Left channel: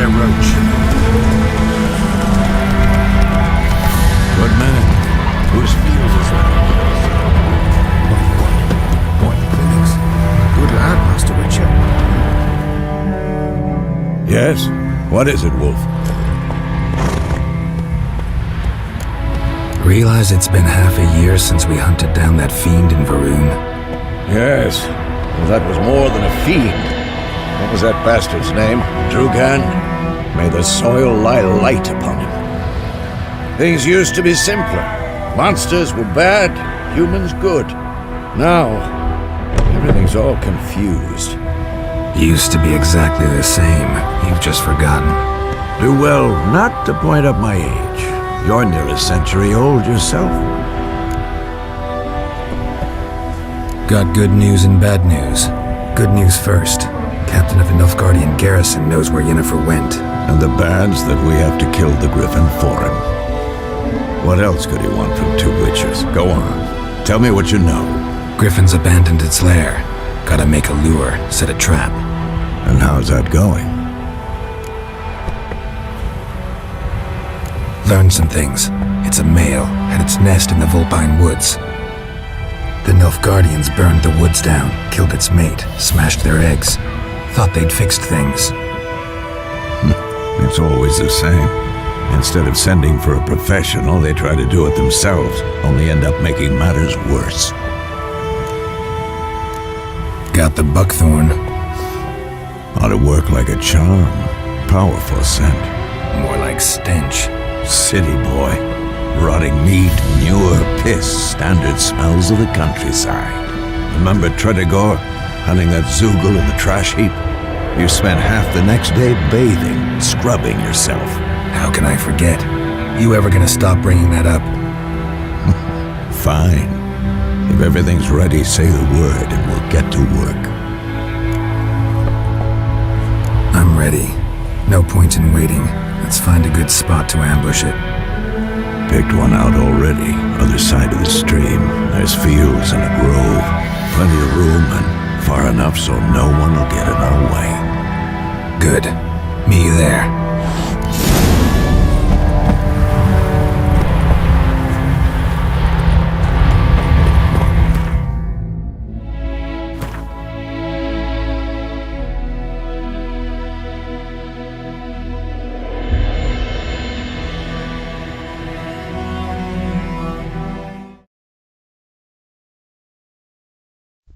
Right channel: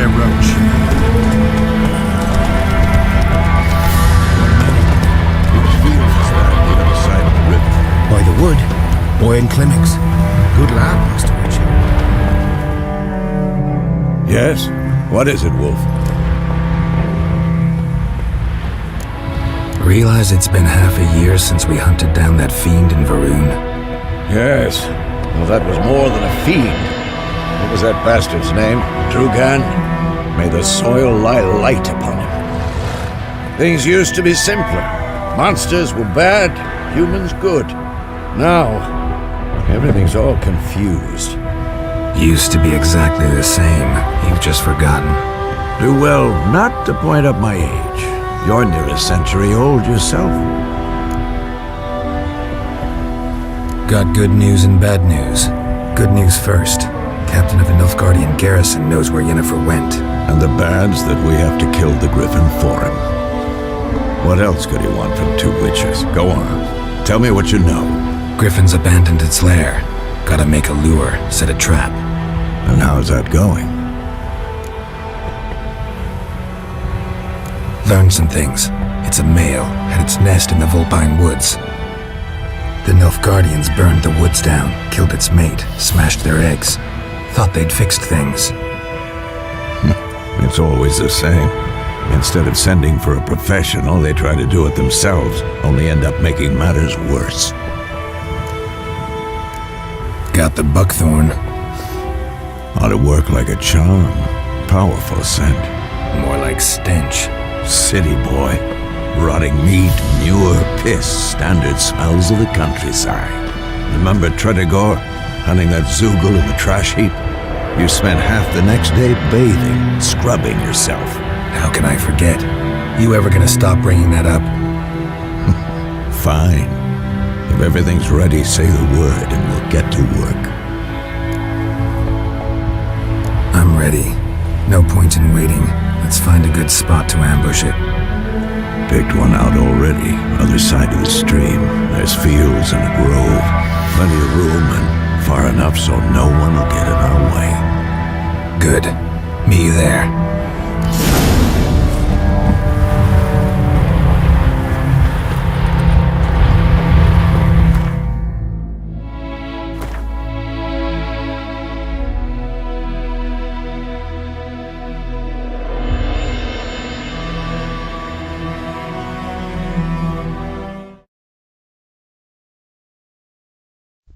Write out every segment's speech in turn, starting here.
there, Roach. Whose field is that, the other side of the river? By the wood. Owen Climmix. Good lad, Master Witcher. Yes? What is it, Wolf? Realize it's been half a year since we hunted down that fiend in Varun? Yes. Well, that was more than a fiend. What was that bastard's name? Drugan? May the soil lie light upon him. Things used to be simpler. Monsters were bad, humans good. Now, everything's all confused. Used to be exactly the same. You've just forgotten. Do well not to point up my age. You're near a century old yourself. Got good news and bad news. Good news first. Captain of the Nilfgaardian garrison knows where Yennefer went. And the bad's that we have to kill the Griffin for him. What else could he want from two Witchers? Go on. Tell me what you know. Griffin's abandoned its lair. Gotta make a lure, set a trap. And how's that going? Learned some things. It's a male, had its nest in the Vulpine Woods. The Nilfgaardians burned the woods down, killed its mate, smashed their eggs. Thought they'd fixed things. It's always the same. Instead of sending for a professional, they try to do it themselves, only end up making matters worse. Got the buckthorn. Ought to work like a charm. Powerful scent. More like stench. City boy. Rotting meat, manure, piss, standard smells of the countryside. Remember Tredegor, hunting that Zoogle in the trash heap? You spent half the next day bathing, scrubbing yourself. How can I forget? You ever gonna stop bringing that up? Fine. If everything's ready, say the word and we'll get to work. I'm ready. No point in waiting. Let's find a good spot to ambush it. Picked one out already, other side of the stream. There's fields and a grove. Plenty of room and far enough so no one will get in our way. Good. Meet you there.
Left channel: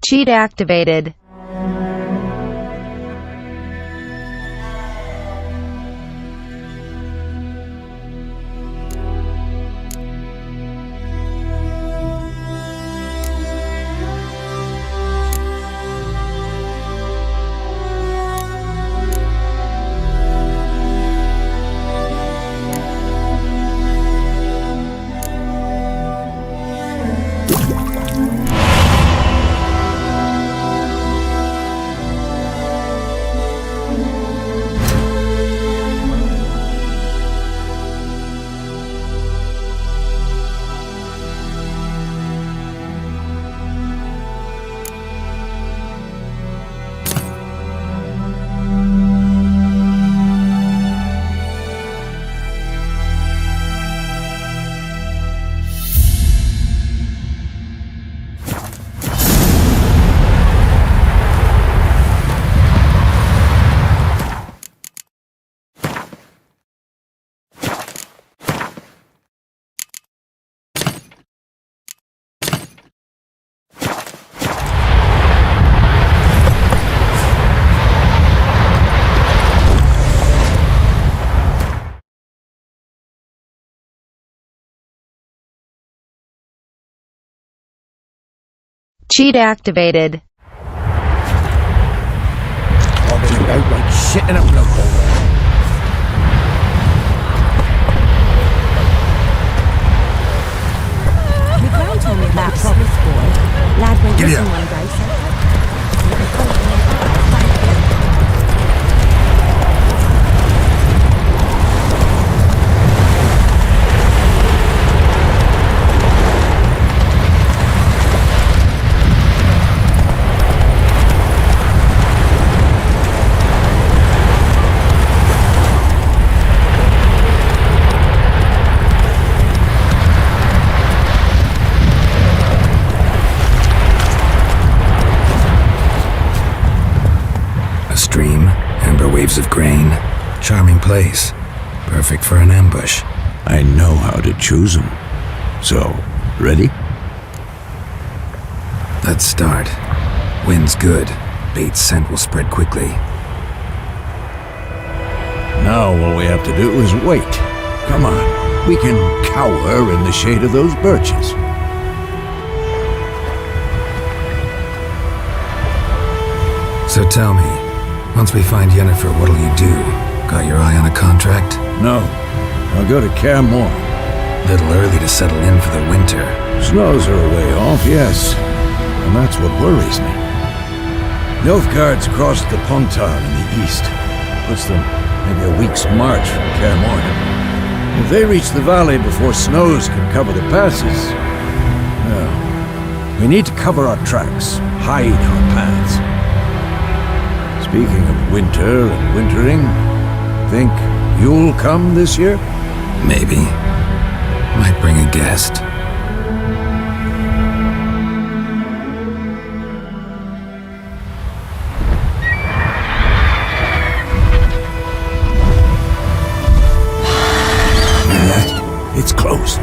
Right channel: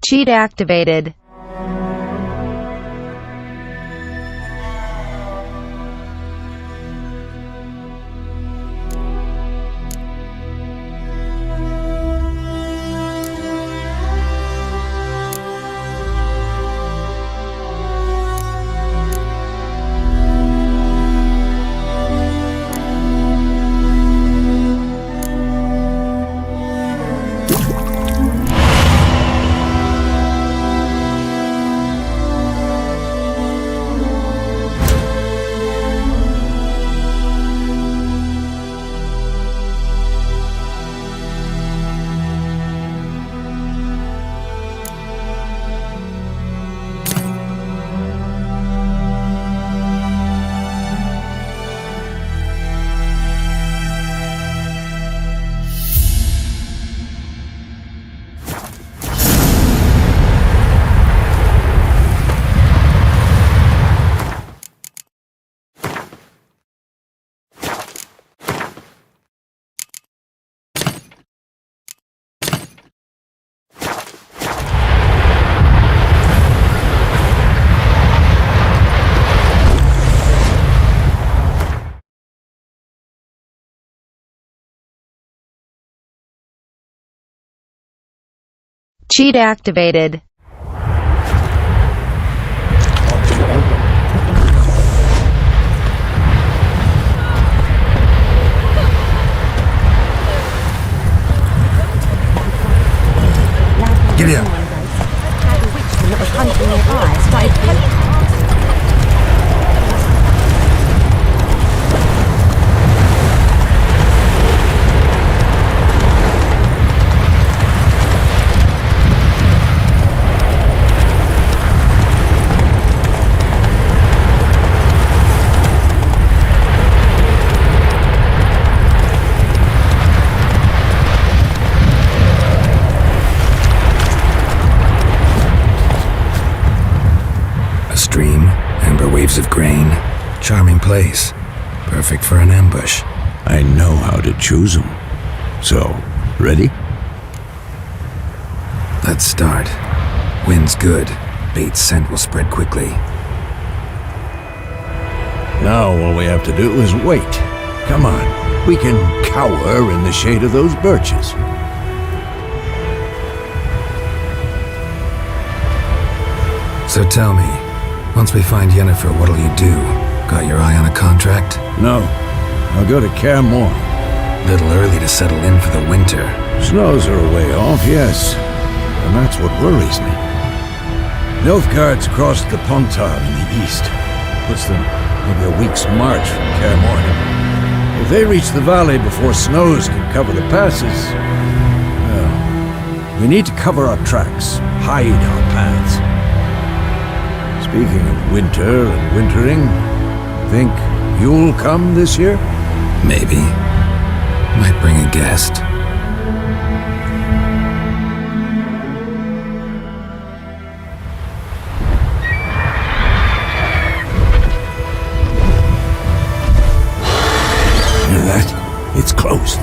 Cheat activated. Cheat activated. Shit in a... The Grand told me about what Giddy up. stream, amber waves of grain. Charming place. Perfect for an ambush. I know how to choose 'em. So, ready? Let's start. Wind's good. Bait's scent will spread quickly. Now all we have to do is wait. Come on, we can cower in the shade of those birches. So tell me, once we find Yennefer, what'll you do? Got your eye on a contract? No, I'll go to Kaer Morhen. Little early to settle in for the winter. Snows are a way off, yes, and that's what worries me. Nilfgaard's crossed the Pontar in the east. Puts them maybe a week's march from Kaer Morhen. If they reach the valley before snows can cover the passes, well, we need to cover our tracks, hide our paths. Speaking of winter and wintering, think you'll come this year? Maybe. Might bring a guest. Hear that? It's close.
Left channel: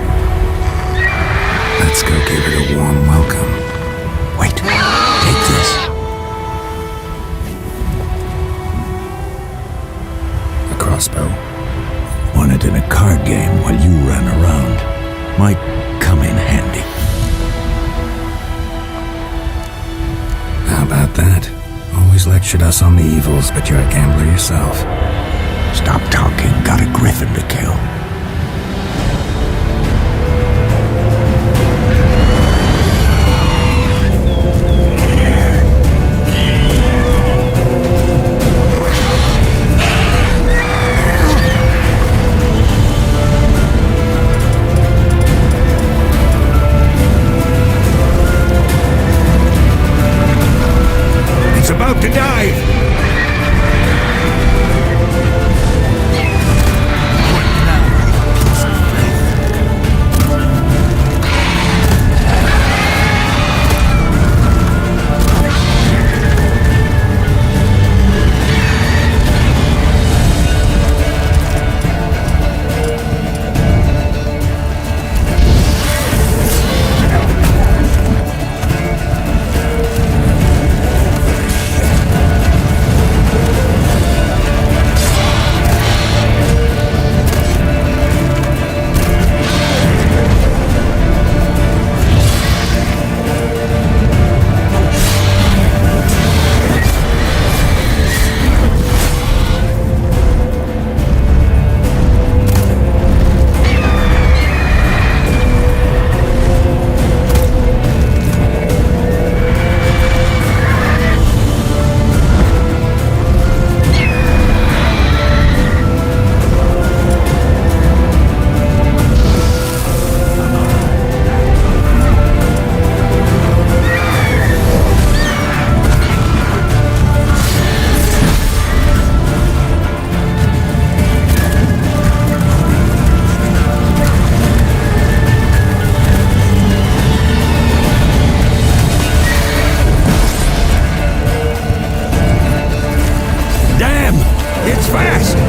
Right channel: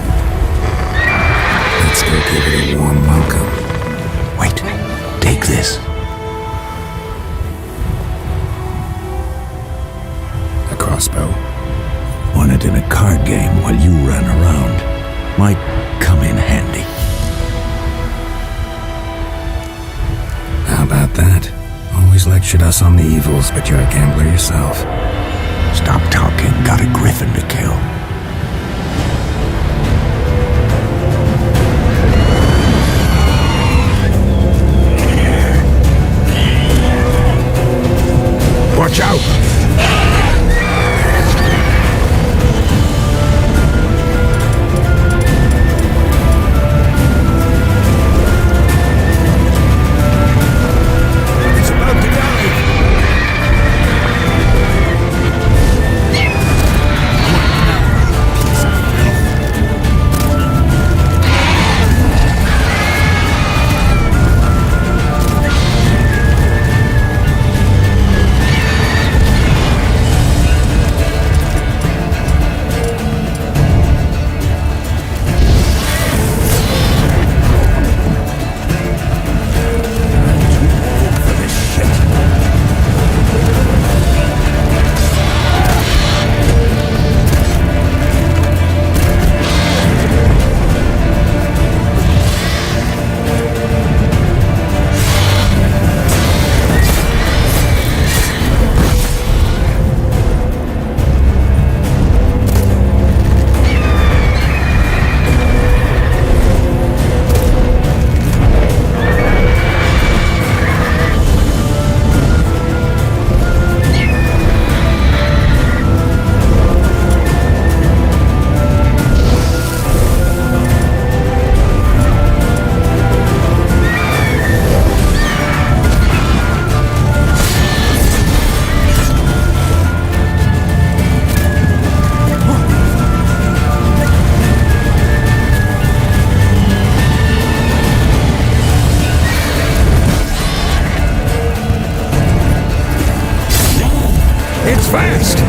Let's go give it a warm welcome. Wait, take this. A crossbow. Won it in a card game while you ran around. Might come in handy. How about that? Always lectured us on the evils, but you're a gambler yourself. Stop talking. Got a griffin to kill. Watch out! It's about to dive! What now, you piece of filth? It's fast!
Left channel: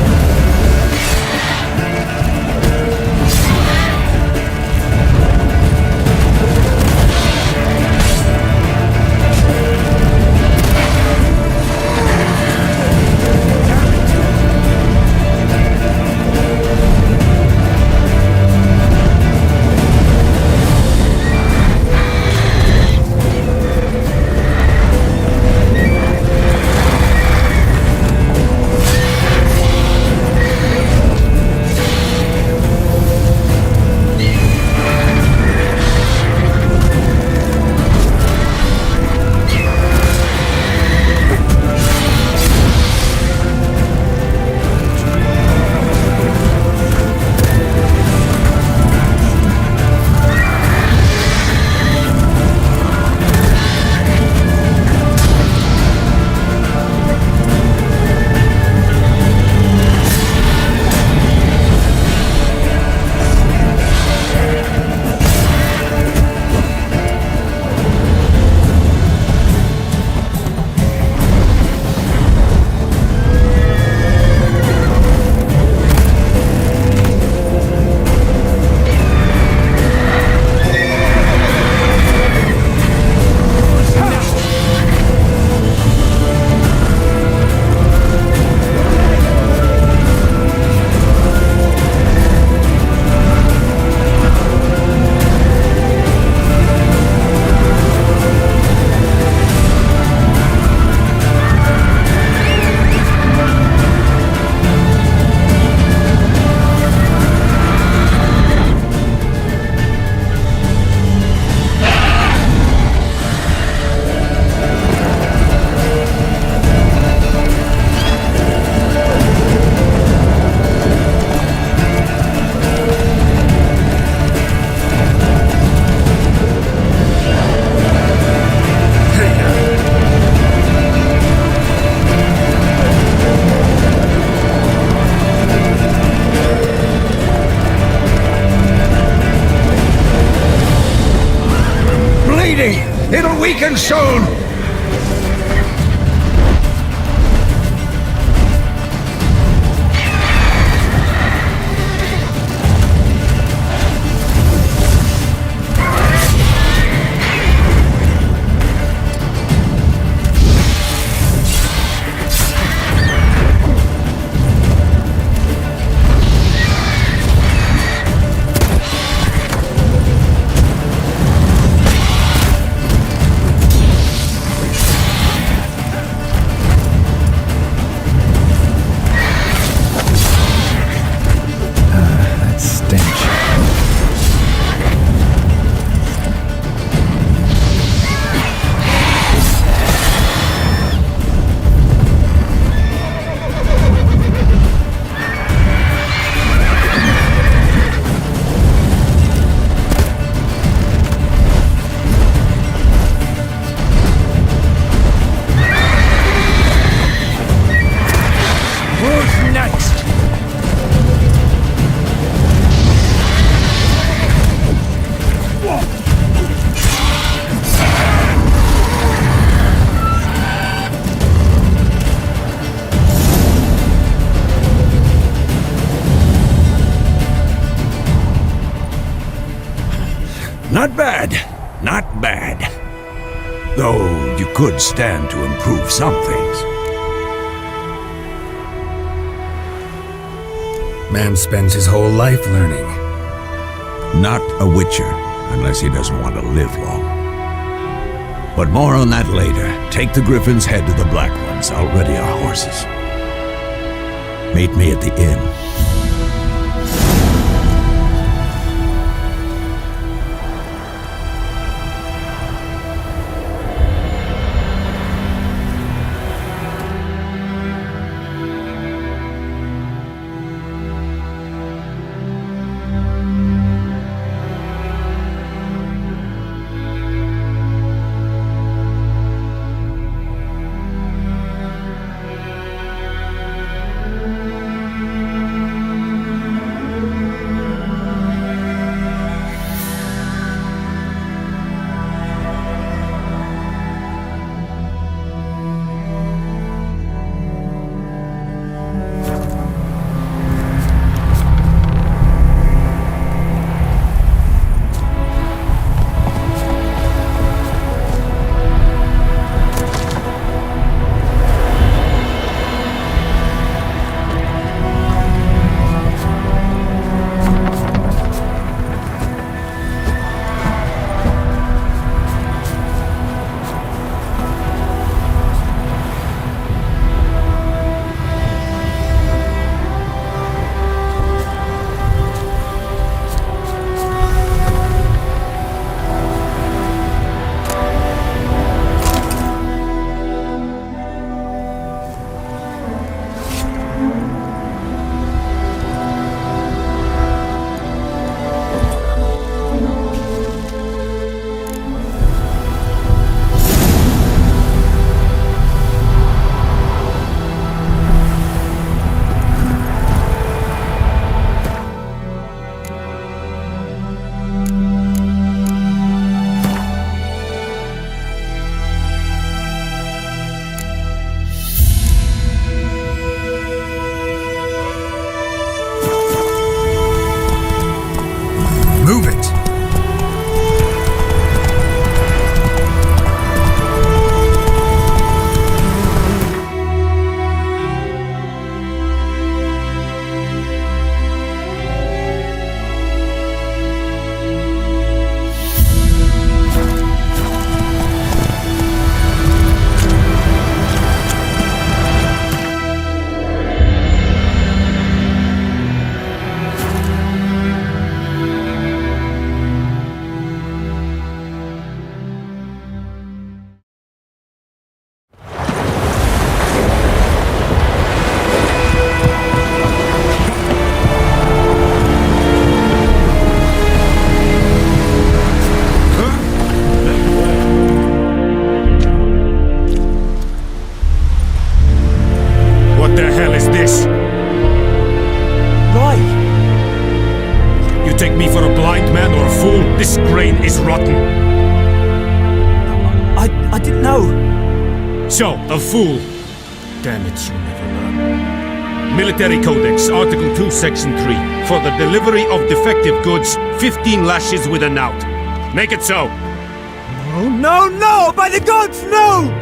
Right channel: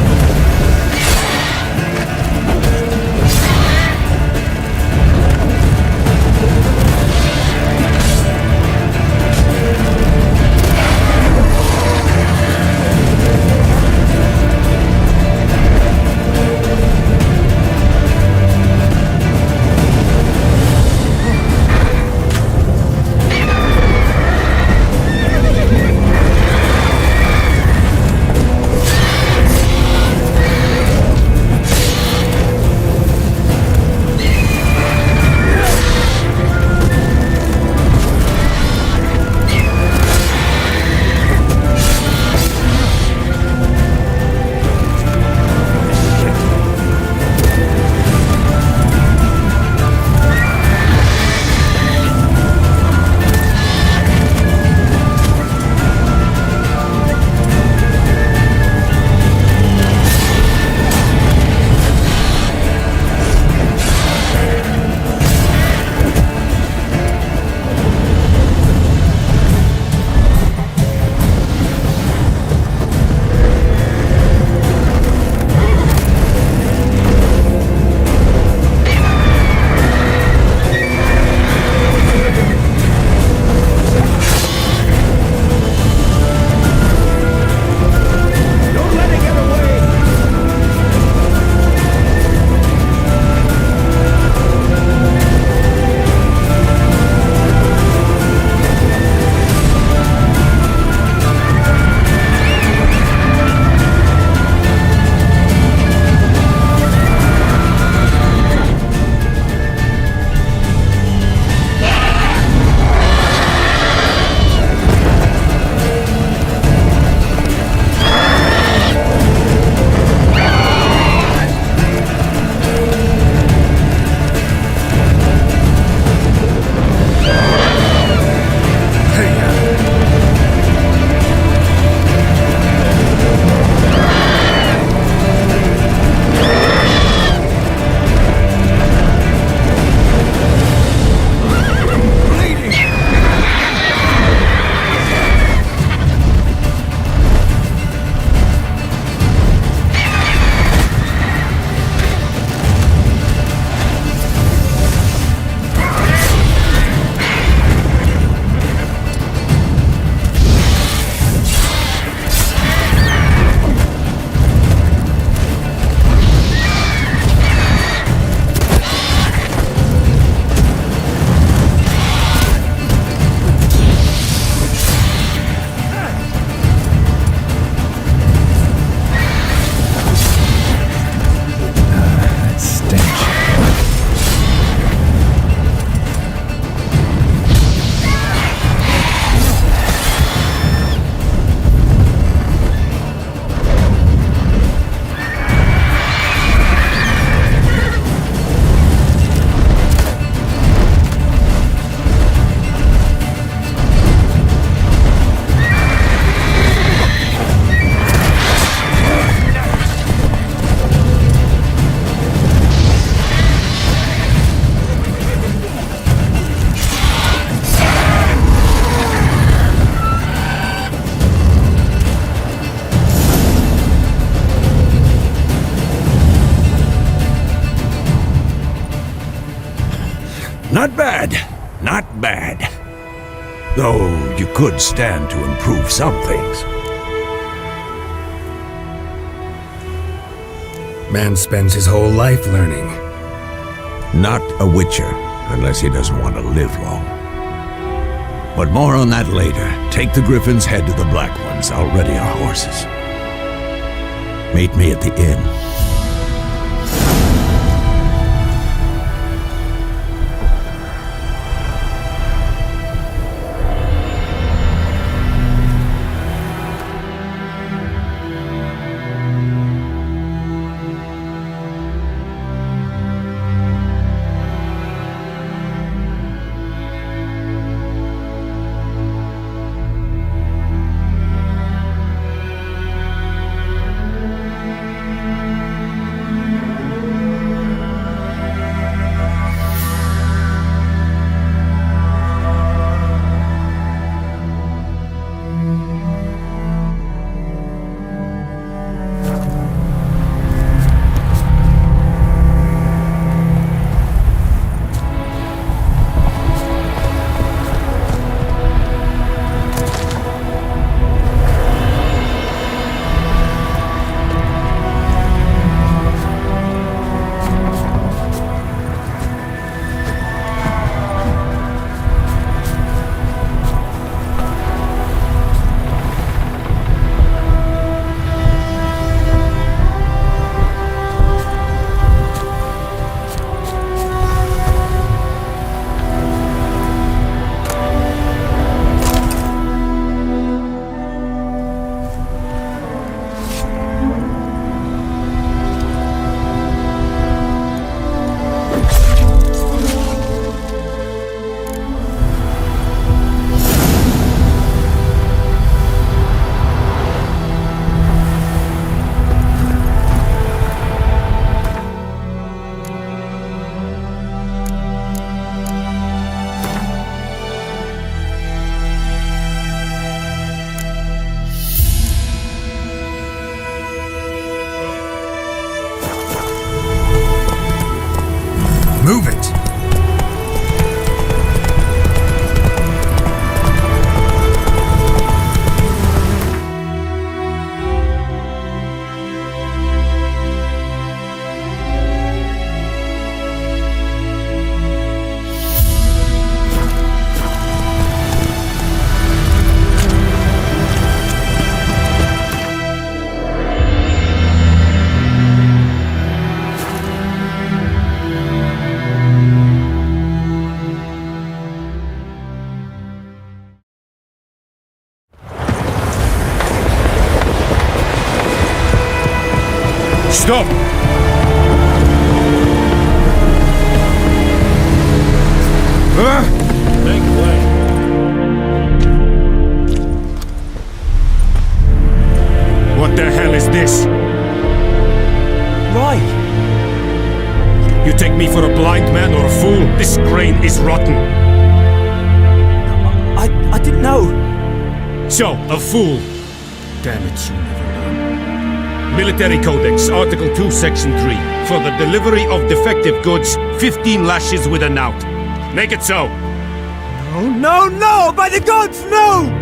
Hey-ya! Bleeding! It'll weaken soon! That stench. Not bad. Not bad. Though you could stand to improve some things. Man spends his whole life learning. Not a Witcher, unless he doesn't want to live long. But more on that later. Take the Griffin's head to the Black Ones. I'll ready our horses. Meet me at the inn. Move it! Stop! What the hell is this? Ray! You take me for a blind man or a fool? This grain is rotten. I didn't know. So, a fool. Damn it, you never learn. Military Codex, Article 2, Section 3. For the delivery of defective goods, 15 lashes with a knout. Make it so. No, no, no! By the gods, no!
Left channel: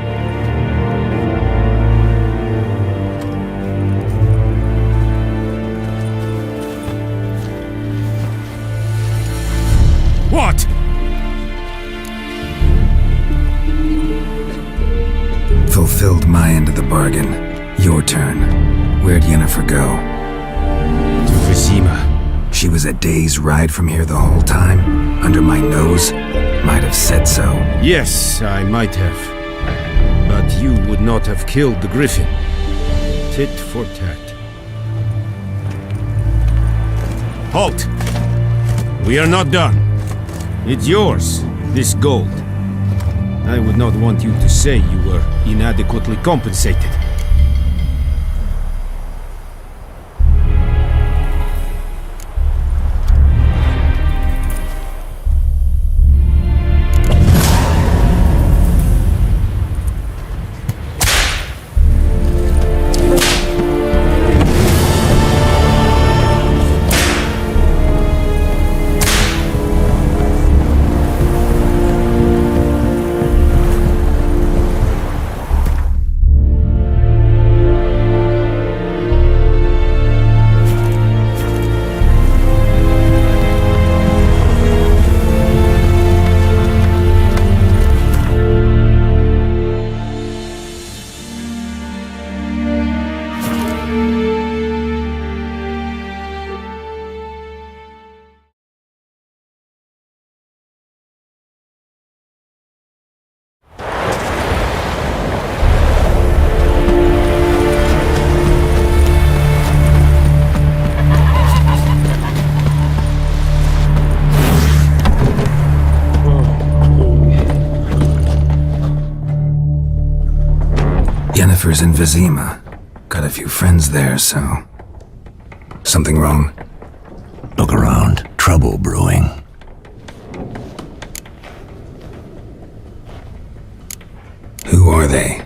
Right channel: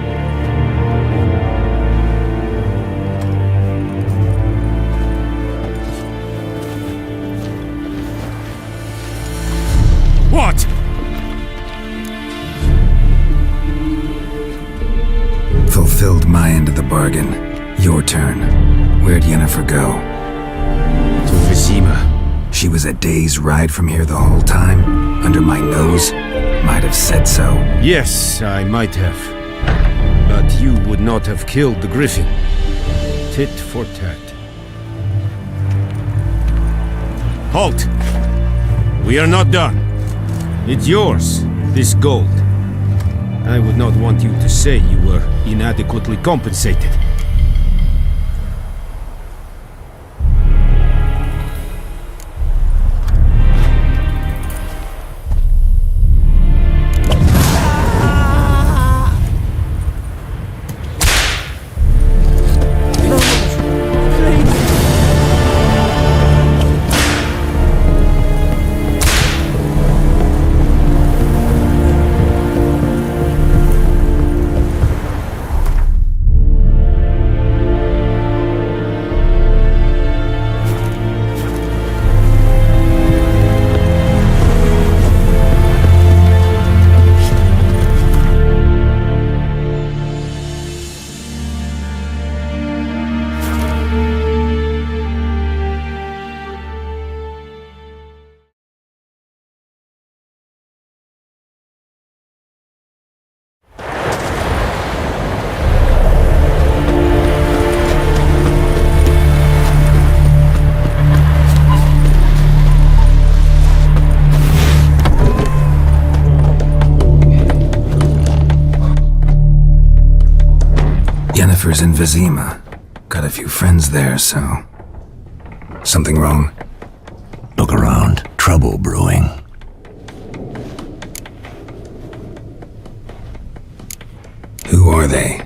What? Fulfilled my end of the bargain. Your turn. Where'd Yennefer go? To Vizima. She was a day's ride from here the whole time? Under my nose? Might have said so. Yes, I might have. But you would not have killed the griffin. Tit for tat. Halt! We are not done. It's yours, this gold. I would not want you to say you were inadequately compensated. Yennefer's in Vizima. Got a few friends there, so... Something wrong? Look around. Trouble brewing. Who are they?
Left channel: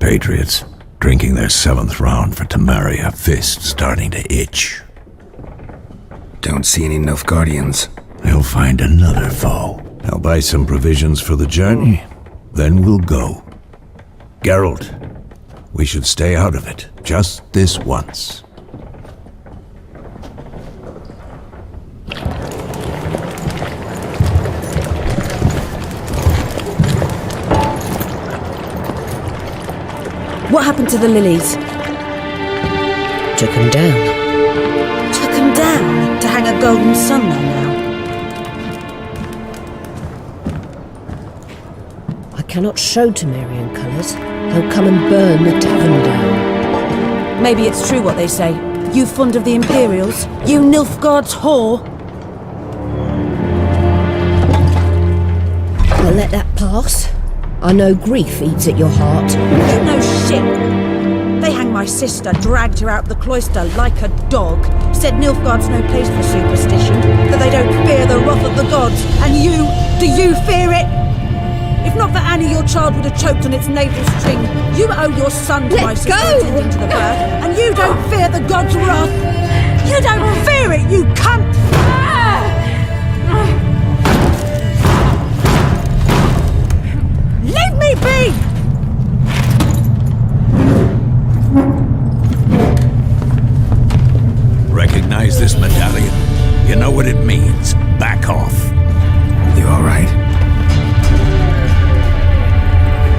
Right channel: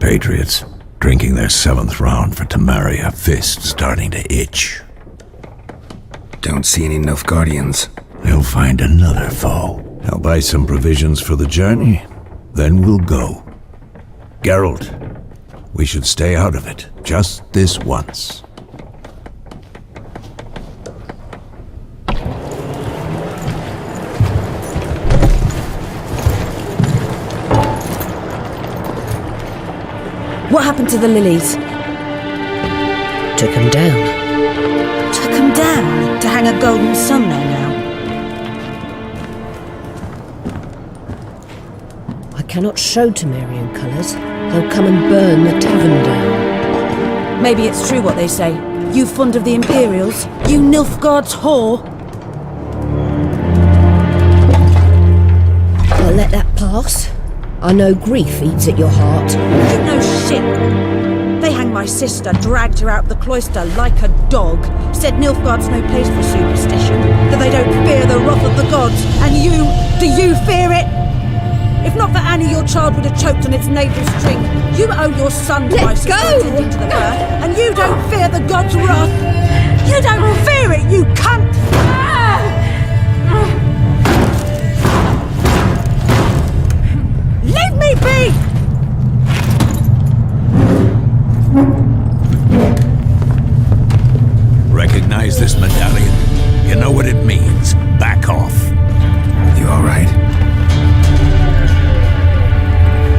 Patriots. Drinking their 7th round for Temeria. Fist starting to itch. Don't see any Nilfgaardians. They'll find another foe. I'll buy some provisions for the journey. Then we'll go. Geralt, we should stay out of it. Just this once. What happened to the lilies? Took him down. Took them down to hang a golden sun there now. I cannot show Temerian colours. They'll come and burn the tavern down. Maybe it's true what they say. You fond of the Imperials? You Nilfgaard's whore? I'll let that pass. I know grief eats at your heart. You know shit. They hanged my sister, dragged her out the cloister like a dog, said Nilfgaard's no place for superstition, that they don't fear the wrath of the gods. And you, do you fear it? If not for Annie, your child would have choked on its navel string. You owe your son to my sister attending to the birth, and you don't fear the god's wrath. You don't fear it, you cunt! Leave me be! Recognize this medallion? You know what it means. Back off. You alright?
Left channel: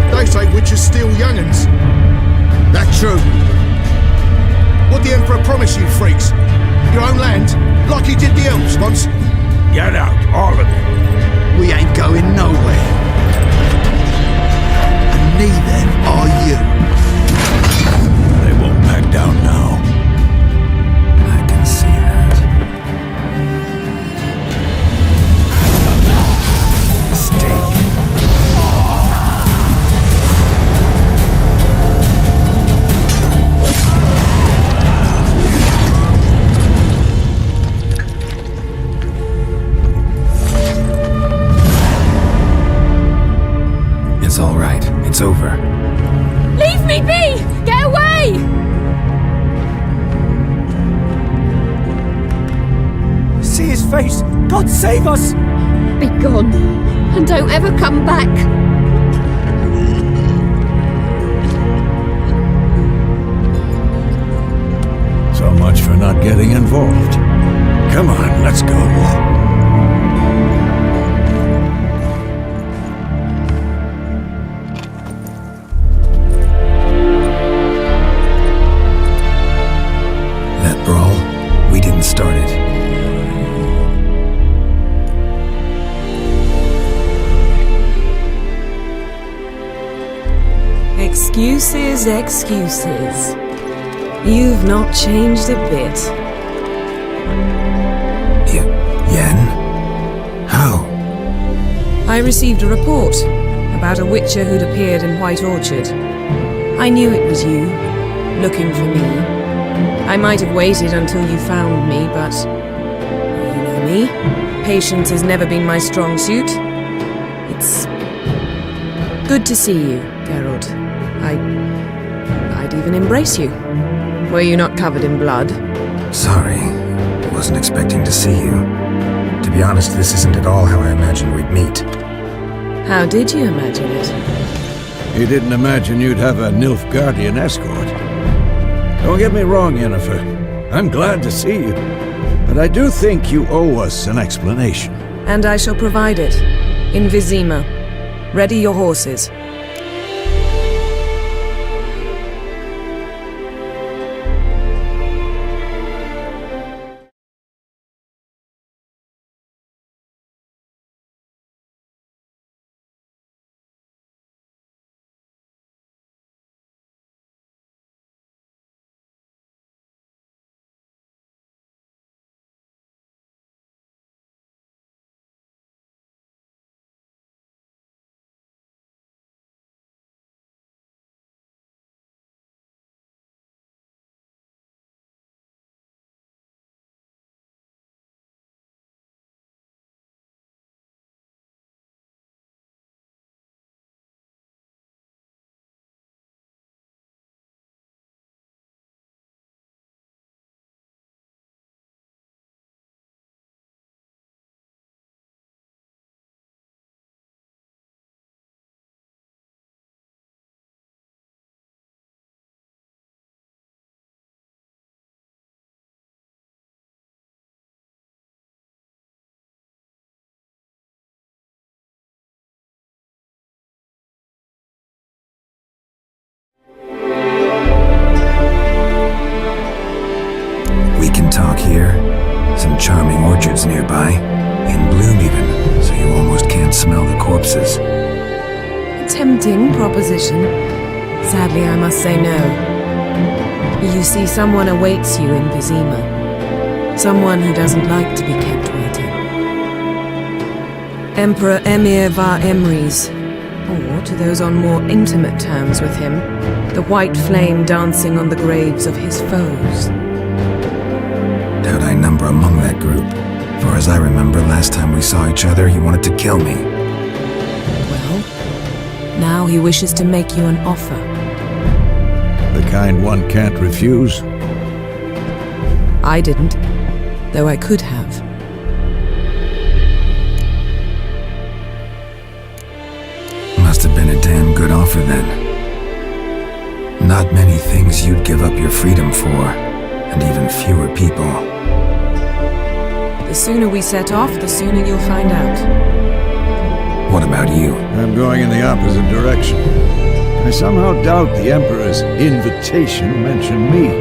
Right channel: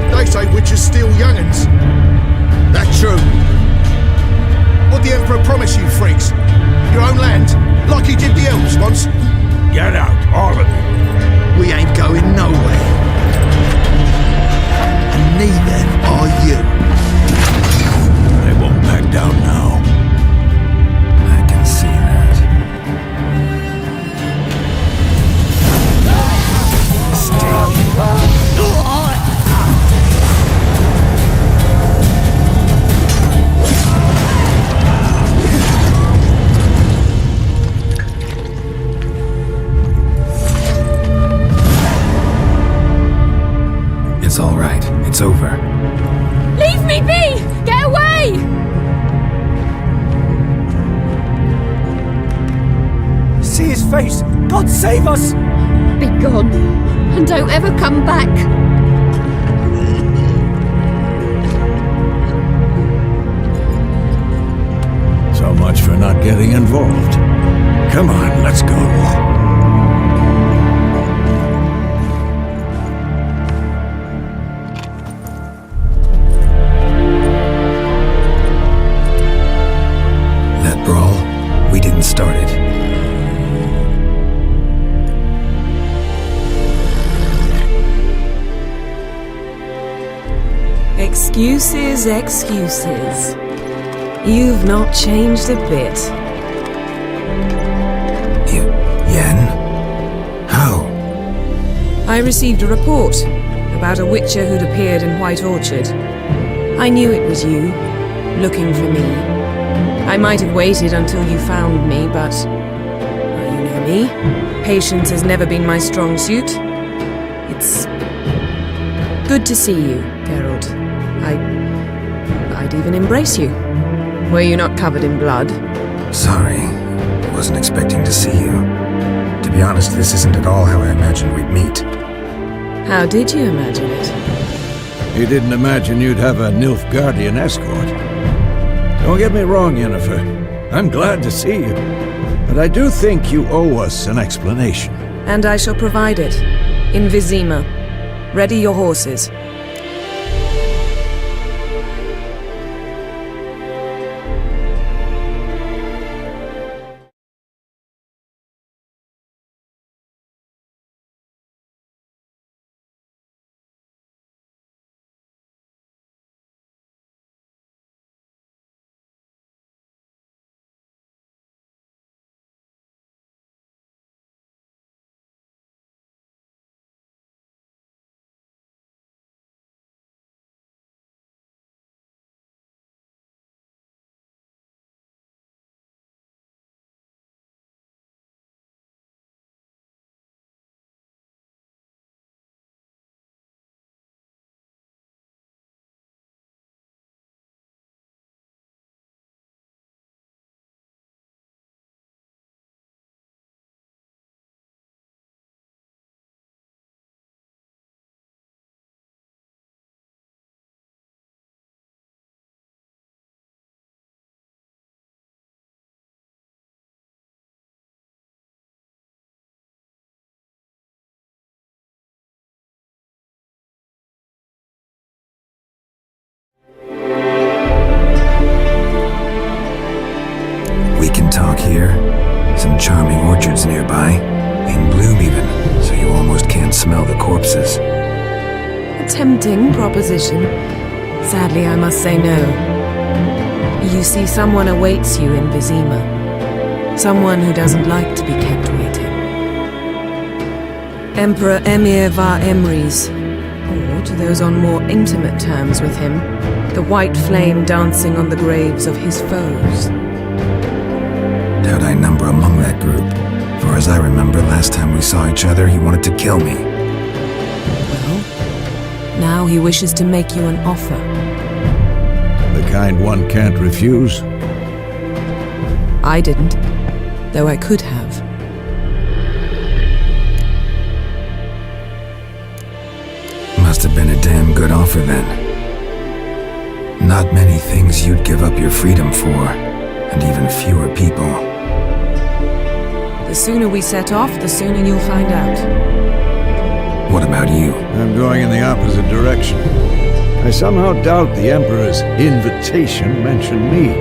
They say witches steal young'uns. That true? What the Emperor promise you, freaks? Your own land? Like he did the elves once? Get out, all of you. We ain't going nowhere. And neither are you. They won't back down now. I can see that. Mistake. It's all right. It's over. Leave me be! Get away! See his face! God save us! Be gone, and don't ever come back. So much for not getting involved. Come on, let's go. That brawl, we didn't start it. Excuses, excuses. You've not changed a bit. Yen? How? I received a report about a witcher who'd appeared in White Orchard. I knew it was you, looking for me. I might have waited until you found me, but... well, you know me. Patience has never been my strong suit. It's... good to see you, Geralt. I'd even embrace you. Were you not covered in blood? Sorry. Wasn't expecting to see you. To be honest, this isn't at all how I imagined we'd meet. How did you imagine it? You didn't imagine you'd have a Nilfgaardian escort. Don't get me wrong, Yennefer. I'm glad to see you. But I do think you owe us an explanation. And I shall provide it. In Vizima. Ready your horses. We can talk here. Some charming orchards nearby. In bloom even, so you almost can't smell the corpses. A tempting proposition. Sadly, I must say no. You see, someone awaits you in Vizima. Someone who doesn't like to be kept waiting. Emperor Emir var Emrys, or to those on more intimate terms with him, the white flame dancing on the graves of his foes. Doubt I number among that group. Far as I remember, last time we saw each other, he wanted to kill me. Well, now he wishes to make you an offer. The kind one can't refuse? I didn't, though I could have. Must have been a damn good offer then. Not many things you'd give up your freedom for, and even fewer people. The sooner we set off, the sooner you'll find out. What about you? I'm going in the opposite direction. I somehow doubt the Emperor's invitation mentioned me.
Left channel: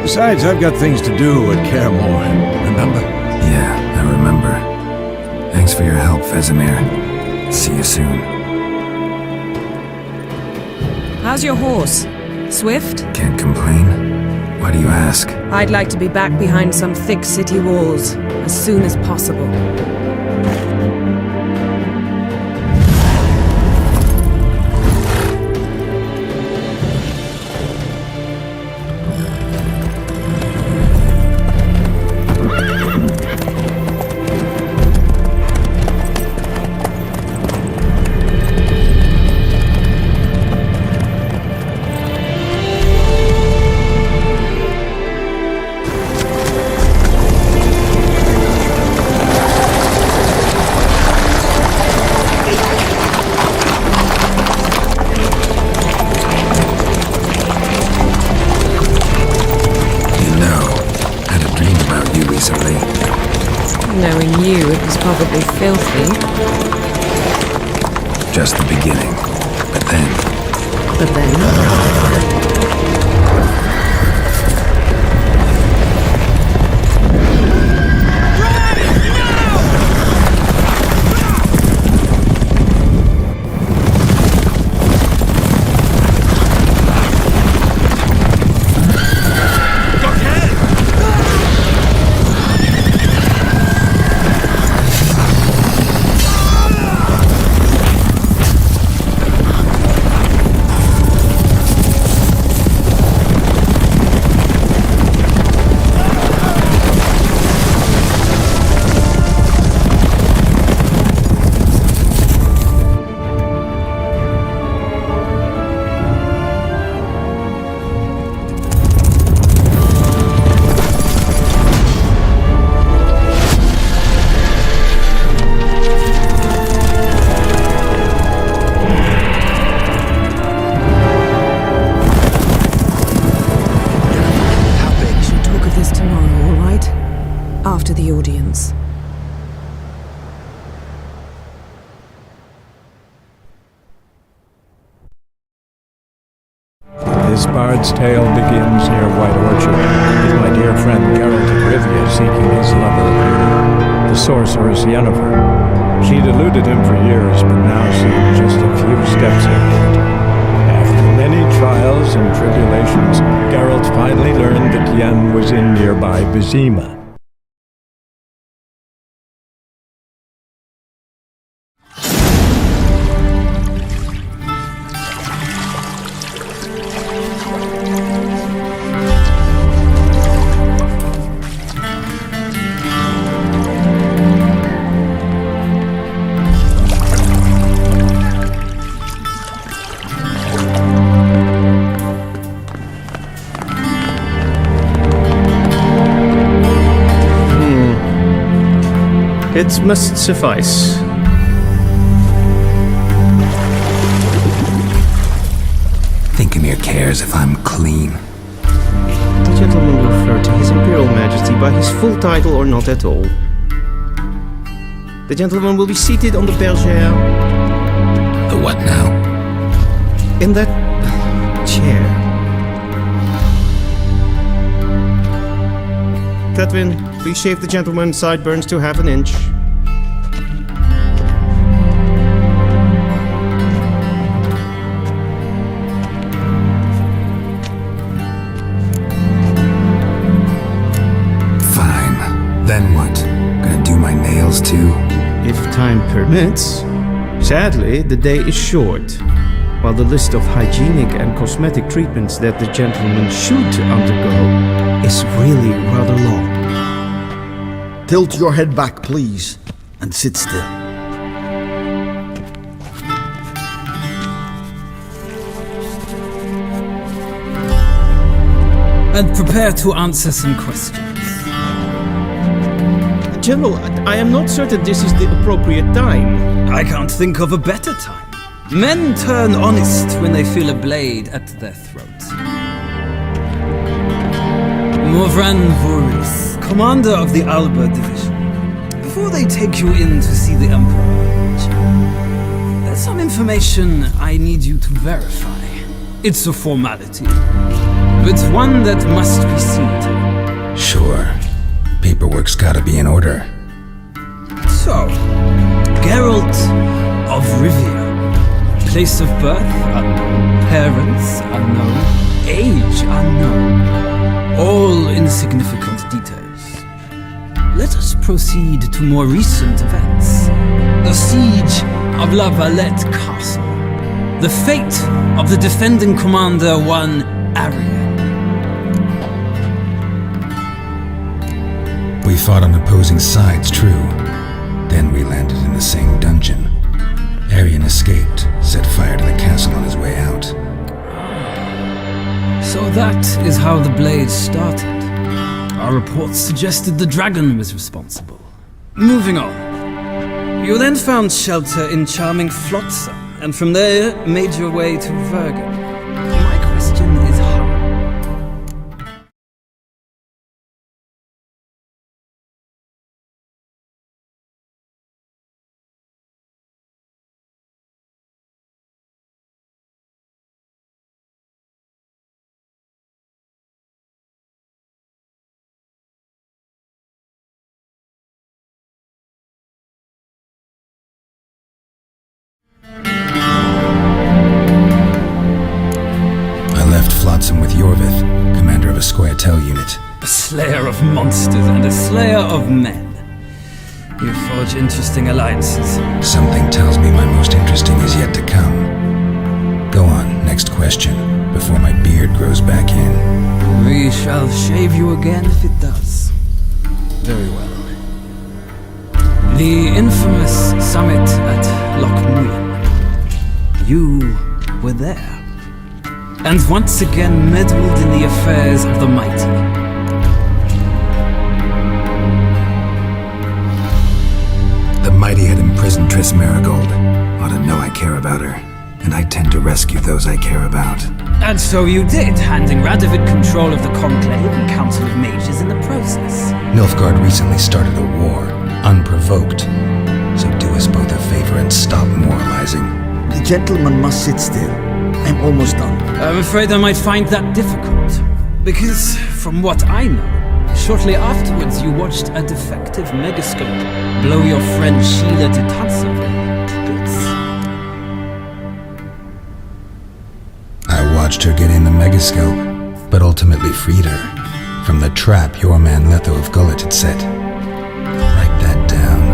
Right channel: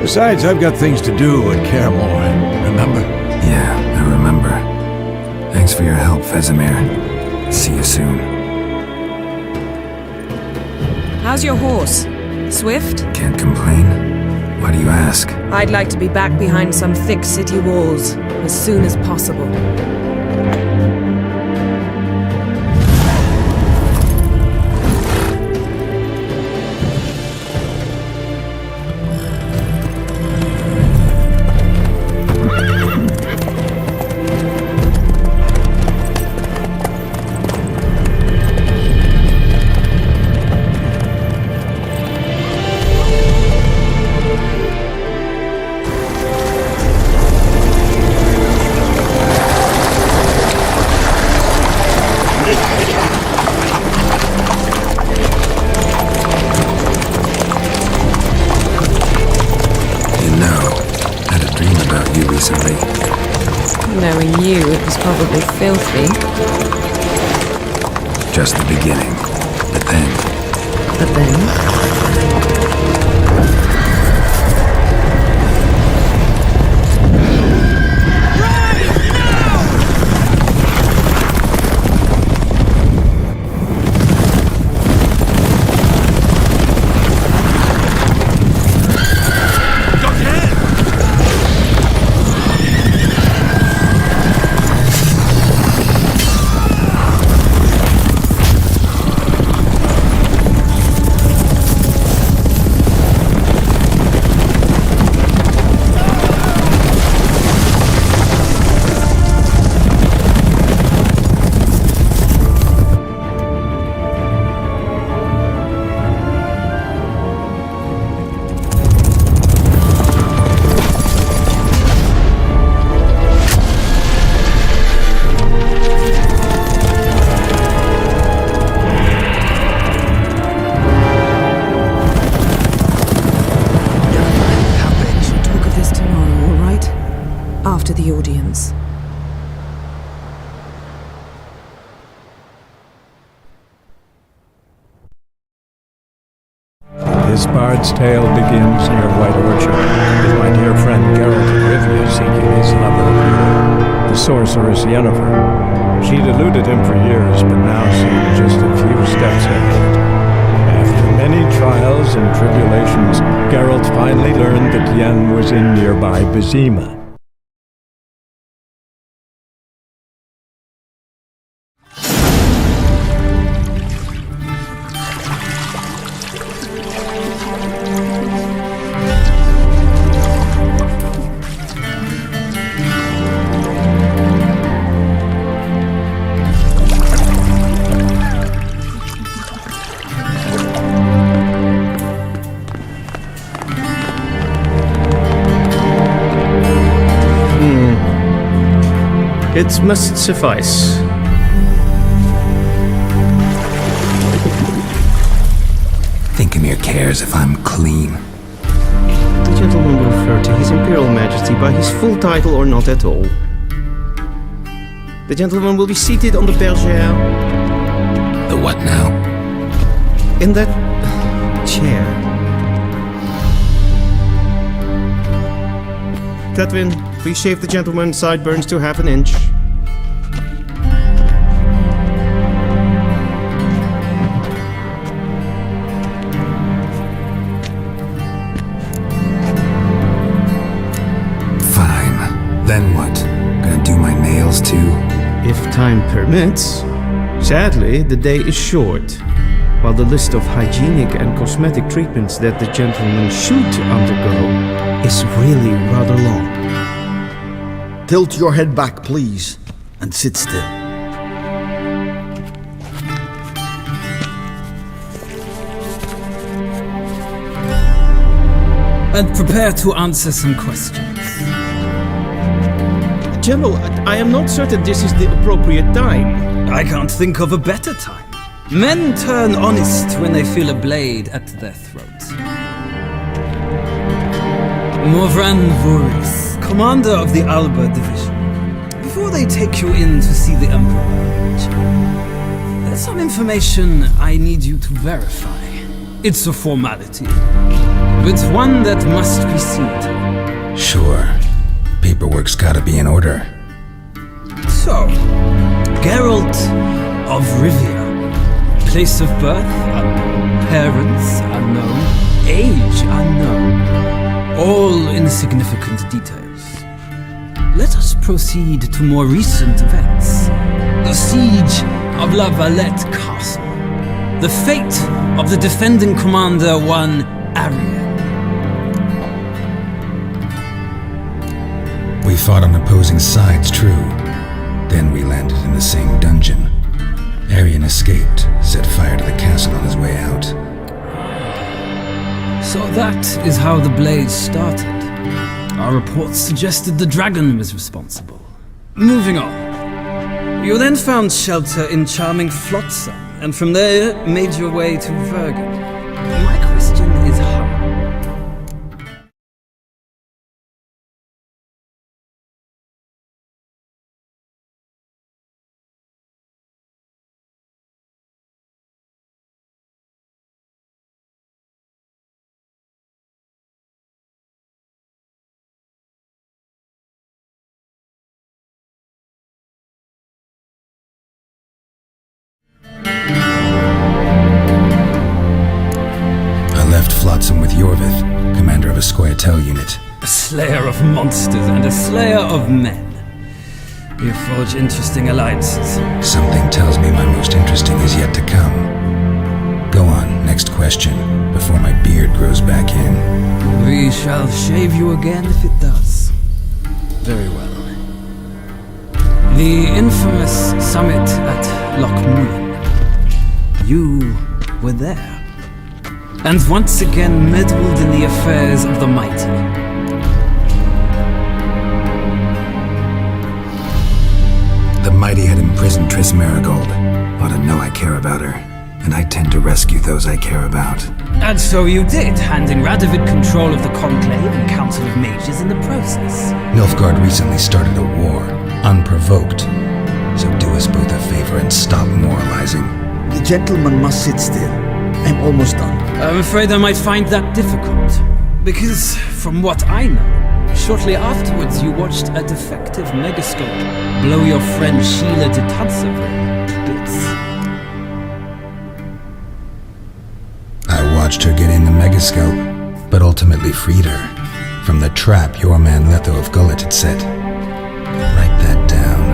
Besides, I've got things to do at Kaer Morhen, remember? Yeah, I remember. Thanks for your help, Vesemir. See you soon. How's your horse? Swift? Can't complain. Why do you ask? I'd like to be back behind some thick city walls as soon as possible. No. Had a dream about you recently. Knowing you, it was probably filthy. Just the beginning. But then... But then? We shall talk of this tomorrow, all right? After the audience. This bard's tale begins near White Orchard, with my dear friend Geralt of Rivia seeking his lover of yore, the sorceress Yennefer. She'd eluded him for years, but now seemed just a few steps ahead. After many trials and tribulations, Geralt finally learned that Yen was in nearby Vizima. It must suffice. Thinkamere cares if I'm clean. The gentleman will refer to His Imperial Majesty by his full title or not at all. The gentleman will be seated on the bergère. The what now? In that chair. Tedwin, please shave the gentleman's sideburns to half an inch. Fine. Then what? Gonna do my nails too? If time permits. Sadly, the day is short, while the list of hygienic and cosmetic treatments that the gentleman should undergo is really rather long. Tilt your head back, please, and sit still. And prepare to answer some questions. General, I am not certain this is the appropriate time. I can't think of a better time. Men turn honest when they feel a blade at their throat. Morvran Voorhis, commander of the Alba Division. Before they take you in to see the Emperor, Witcher, there's some information I need you to verify. It's a formality, but one that must be seen to. Sure. Paperwork's gotta be in order. So, Geralt of Rivia. Place of birth unknown. Parents unknown. Age unknown. All insignificant details. Let us proceed to more recent events. The siege of La Valette Castle. The fate of the defending commander, one Arian. We fought on opposing sides, true. Then we landed in the same dungeon. Arian escaped, set fire to the castle on his way out. So that is how the blade started. Our reports suggested the dragon was responsible. Moving on. You then found shelter in charming Flotsam, and from there made your way to Vergen. My question is how? left Flotsam with Yorvith, commander of a Squaretel unit. A slayer of monsters and a slayer of men. You forge interesting alliances. Something tells me my most interesting is yet to come. Go on, next question, before my beard grows back in. We shall shave you again if it does. Very well. The infamous summit at Loch Muin. You were there. And once again meddled in the affairs of the mighty. The mighty had imprisoned Triss Merigold. Ought to know I care about her, and I tend to rescue those I care about. And so you did, handing Radovid control of the Conclave and Council of Mages in the process. Nilfgaard recently started a war, unprovoked. So do us both a favor and stop moralizing. The gentleman must sit still. I'm almost done. I'm afraid I might find that difficult. Because, from what I know, shortly afterwards you watched a defective megascope blow your friend Sheila de Tanserville to bits. I watched her get in the megascope, but ultimately freed her from the trap your man Letho of Gullet had set. Write that down.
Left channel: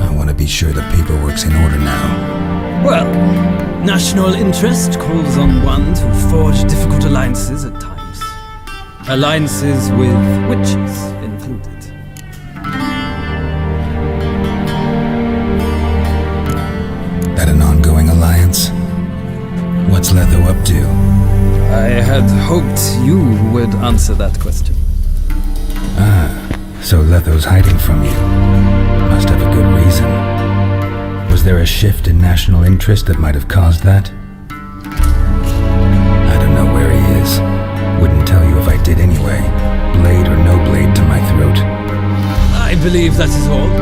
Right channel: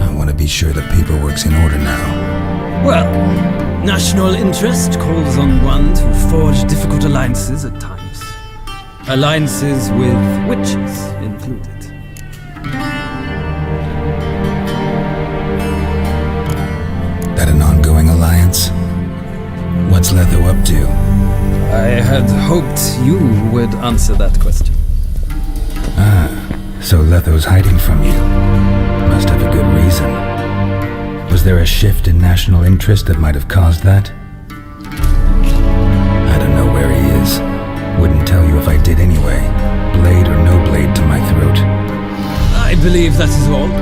I want to be sure the paperwork's in order now. Well, national interest calls on one to forge difficult alliances at times. Alliances with witches included. That an ongoing alliance? What's Letho up to? I had hoped you would answer that question. Ah, so Letho's hiding from you. Must have a good reason. Was there a shift in national interest that might have caused that? I don't know where he is. Wouldn't tell you if I did anyway. Blade or no blade to my throat. I believe that is all.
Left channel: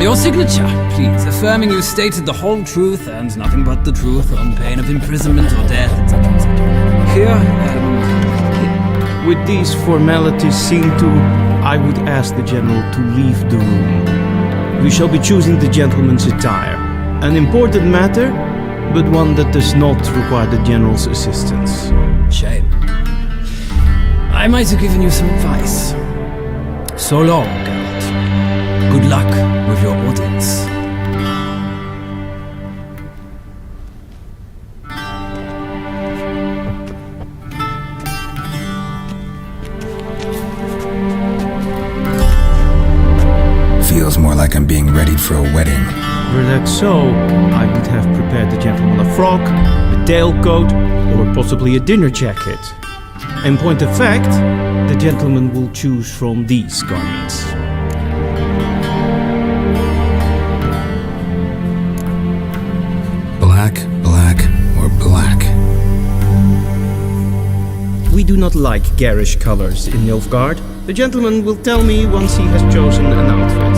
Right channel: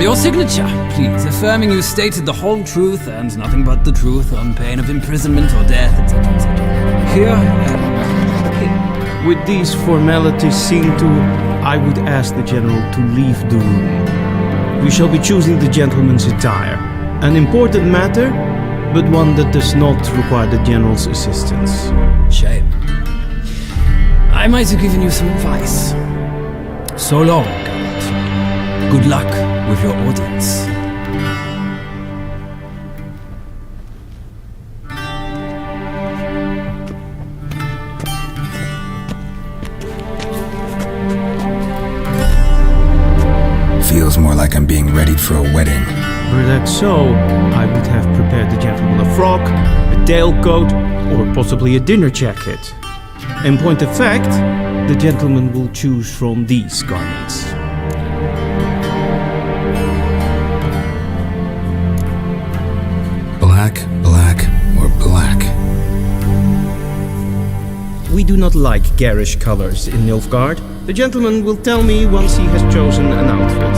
Your signature, please, affirming you stated the whole truth and nothing but the truth on pain of imprisonment or death, etc., etc. Here and here. With these formalities seen to, I would ask the general to leave the room. We shall be choosing the gentleman's attire. An important matter, but one that does not require the general's assistance. Shame. I might have given you some advice. So long, Geralt. Good luck with your audience. Feels more like I'm being readied for a wedding. Were that so, I would have prepared the gentleman a frock, a tailcoat, or possibly a dinner jacket. In point of fact, the gentleman will choose from these garments. Black, black, or black? We do not like garish colors in Nilfgaard. The gentleman will tell me once he has chosen an outfit.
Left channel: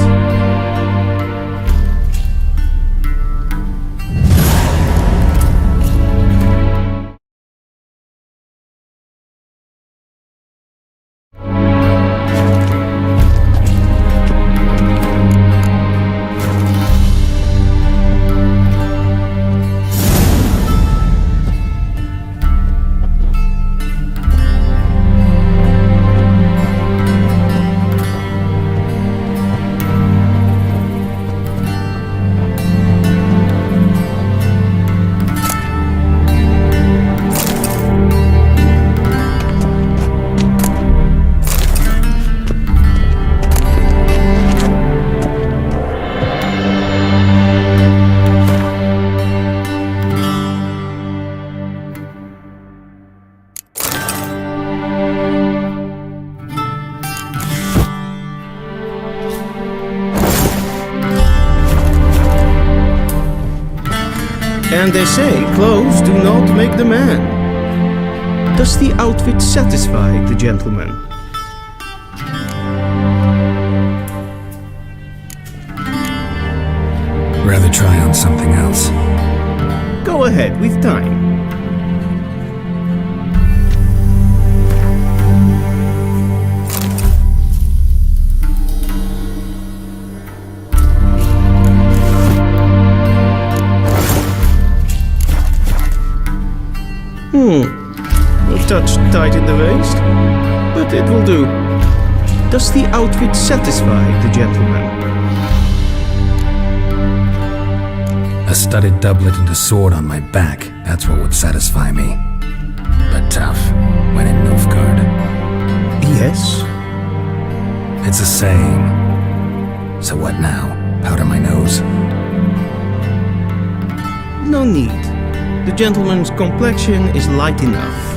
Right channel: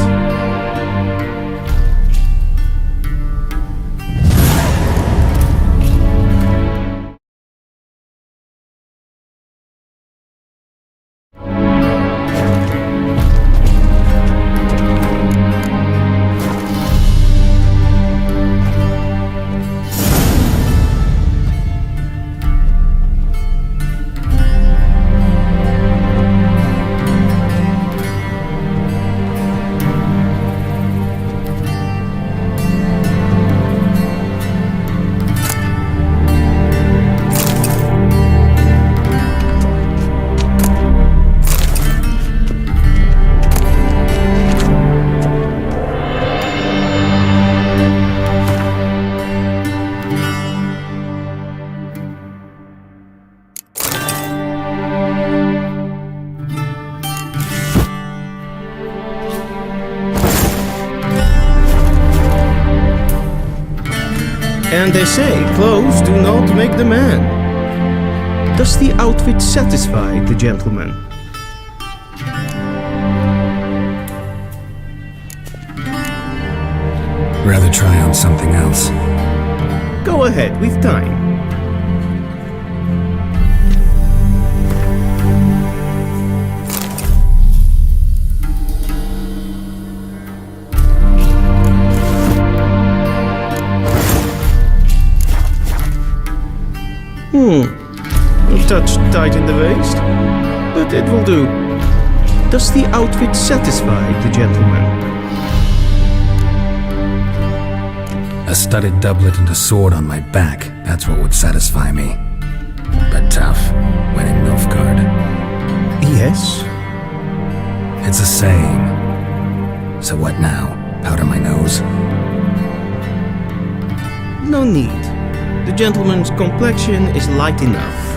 And they say clothes do not make the man. Does the outfit satisfy the gentleman? Rather try on something else. Go ahead, we've time. touch tight in the waist, but it will do. Does the outfit satisfy the gentleman? A studded doublet and a sword on my back, that's what would satisfy me. But tough, when in Nilfgaard. Yes? It's a saying. So what now? Powder my nose? No need. The gentleman's complexion is light enough.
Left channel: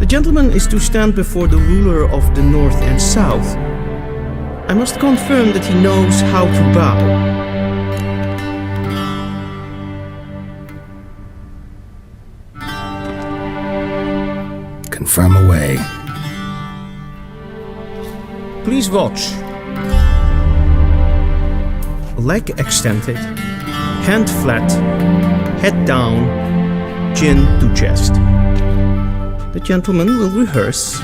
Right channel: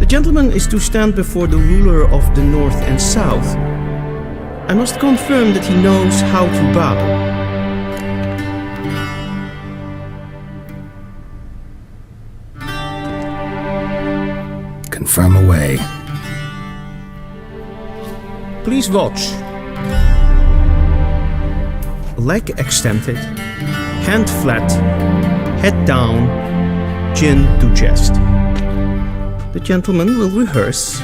The gentleman is to stand before the ruler of the North and South. I must confirm that he knows how to bow. Confirm away. Please watch. Leg extended, hand flat, head down, chin to chest. The gentleman will rehearse.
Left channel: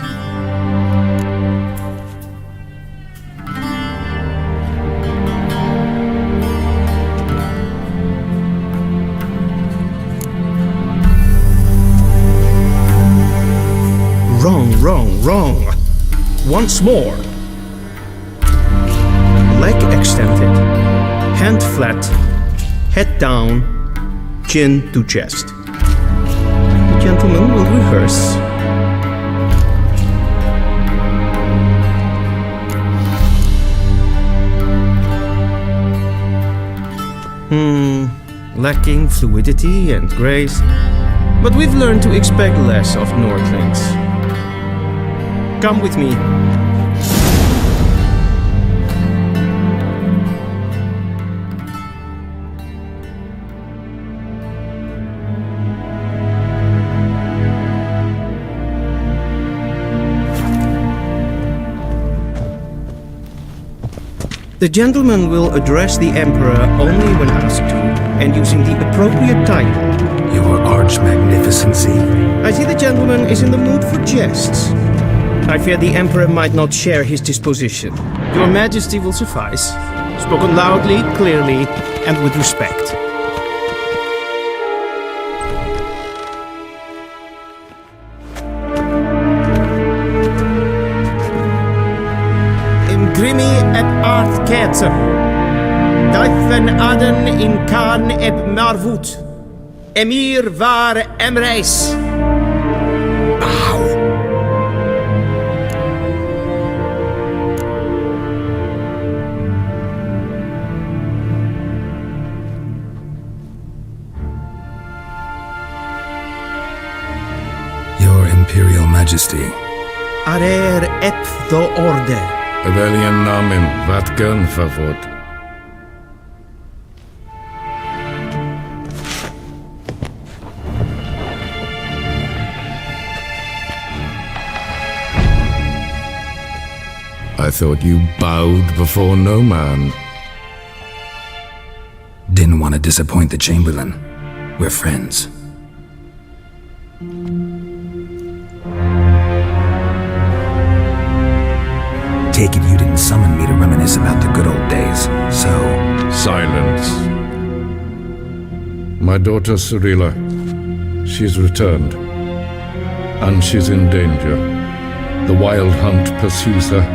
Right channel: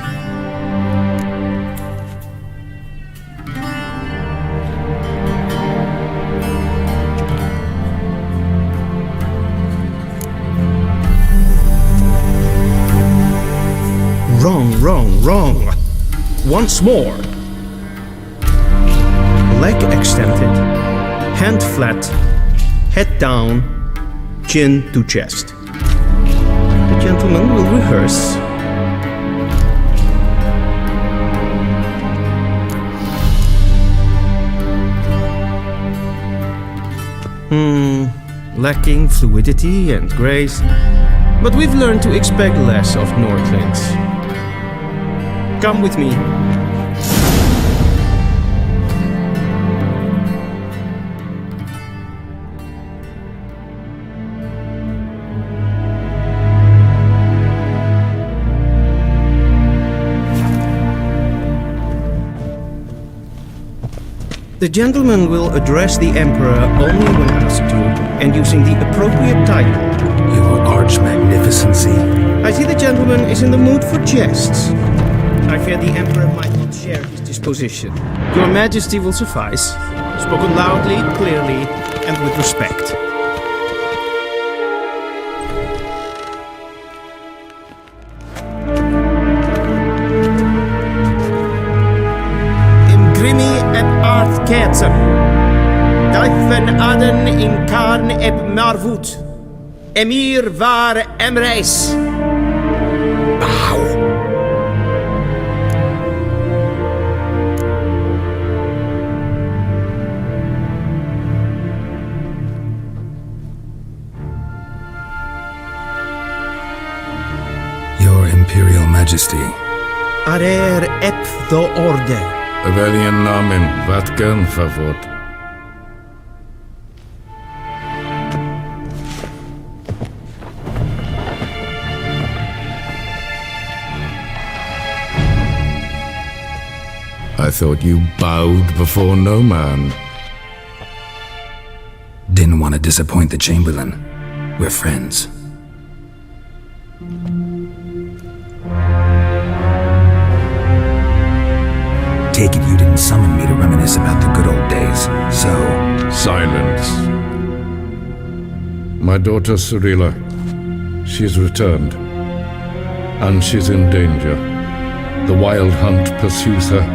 Wrong, wrong, wrong. Once more. Leg extended, hand flat, head down, chin to chest. The gentleman will rehearse. Lacking fluidity and grace, but we've learned to expect less of Nordlings. Come with me. The gentleman will address the Emperor only when asked to, and using the appropriate title. Your Arch-Magnificency? I see the gentleman is in the mood for jests. I fear the Emperor might not share his disposition. Your Majesty will suffice, spoken loudly, clearly, and with respect. Imgrimi eb aardketser. Duifen aden in karn eb marvoet. Emir var emreis. Bow. Your Imperial Majesty. Arer ep the orde. Weljen namen, wat gern favort. I thought you bowed before no man. Didn't want to disappoint the Chamberlain. We're friends. Take it you didn't summon me to reminisce about the good old days, so... Silence. My daughter Cirilla, she's returned. And she's in danger. The Wild Hunt pursues her.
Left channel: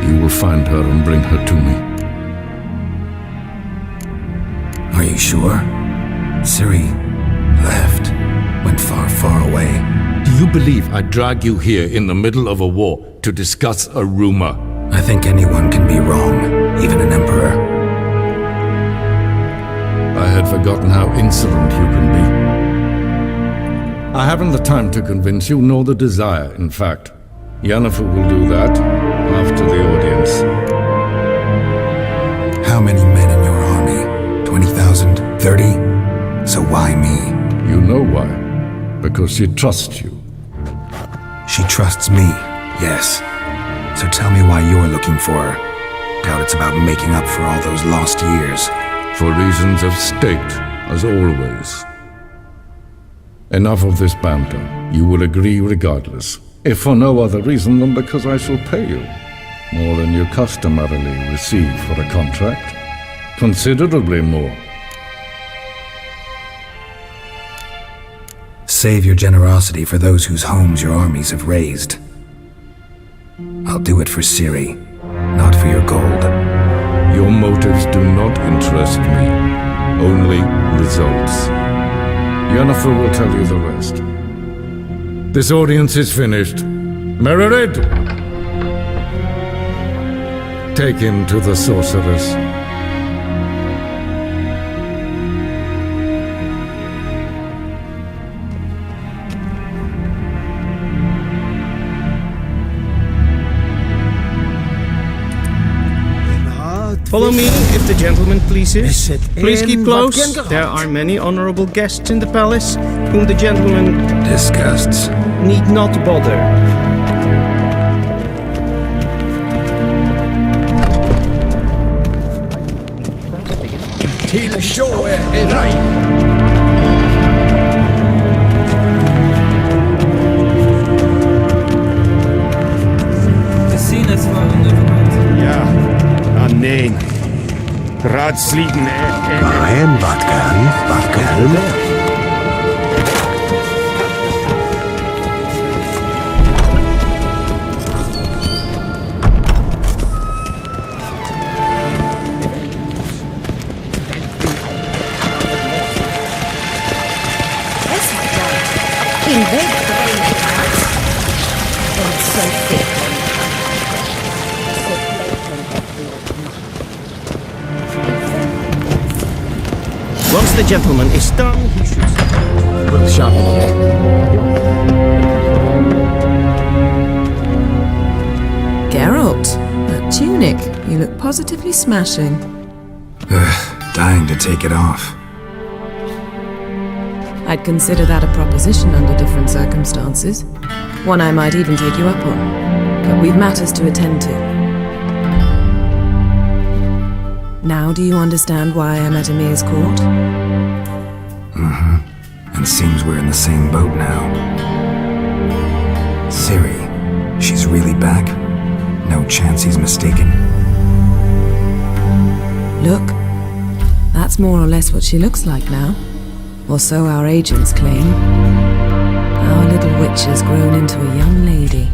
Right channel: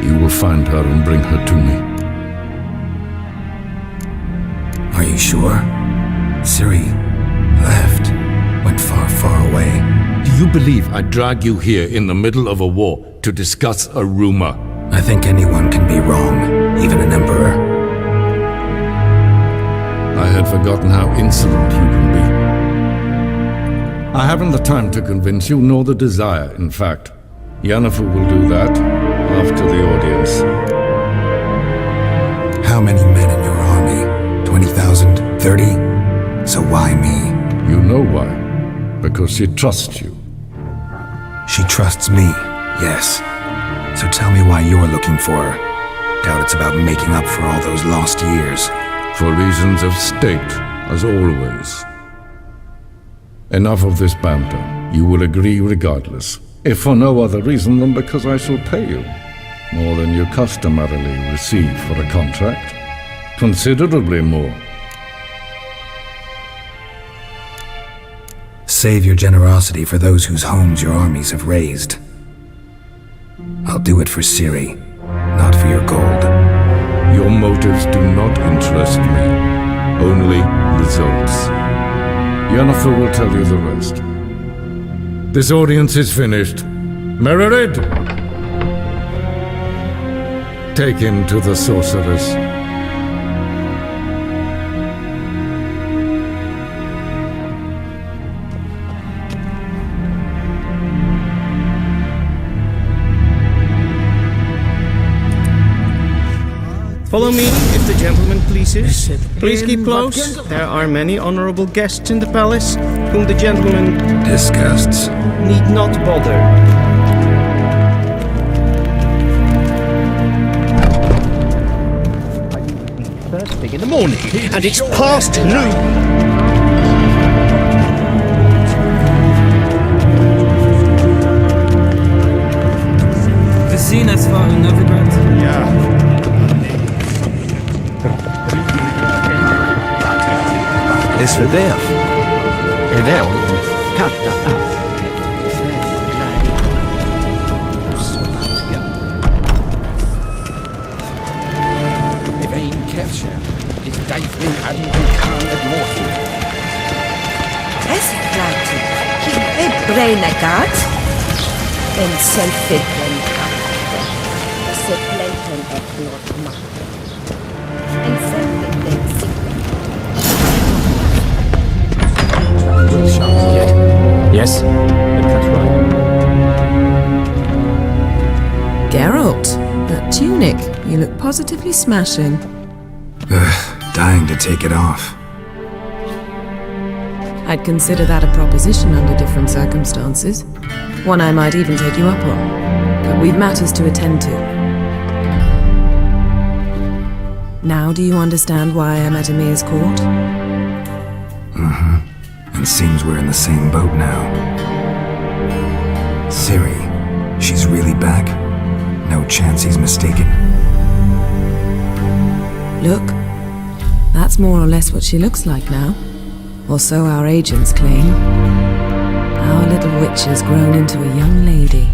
You will find her and bring her to me. Are you sure? Ciri left. Went far, far away. Do you believe I'd drag you here in the middle of a war to discuss a rumor? I think anyone can be wrong, even an emperor. I had forgotten how insolent you can be. I haven't the time to convince you, nor the desire, in fact. Yennefer will do that after the audience. How many men in your army? 20,000? 30? So why me? You know why. Because she trusts you. She trusts me, yes. So tell me why you're looking for her. Doubt it's about making up for all those lost years. For reasons of state, as always. Enough of this banter. You will agree regardless. If for no other reason than because I shall pay you. More than you customarily receive for a contract. Considerably more. save your generosity for those whose homes your armies have razed. I'll do it for Ciri, not for your gold. Your motives do not interest me. Only results. Yennefer will tell you the rest. This audience is finished. Mererid! Take him to the sorceress. Follow me, if the gentleman pleases. Please keep close. There are many honorable guests in the palace, whom the gentleman disgusts. Need not bother. First thing in the morning, and it's past noon. Gezien het war in Novigrad? Ja, nee. Raadsliepen. En wat kan, wat is leer. Esse kleintje, geen weet breine gaat. Once the gentleman is done, he should... Will sharpened yet? Yes? Geralt, that tunic. You look positively smashing. Dying to take it off. I'd consider that a proposition under different circumstances. One I might even take you up on. But we've matters to attend to. Now do you understand why I'm at Emir's court? Mm-hmm. And seems we're in the same boat now. Ciri, she's really back? No chance he's mistaken? Look, that's more or less what she looks like now. Or so our agents claim. Our little witch has grown into a young lady.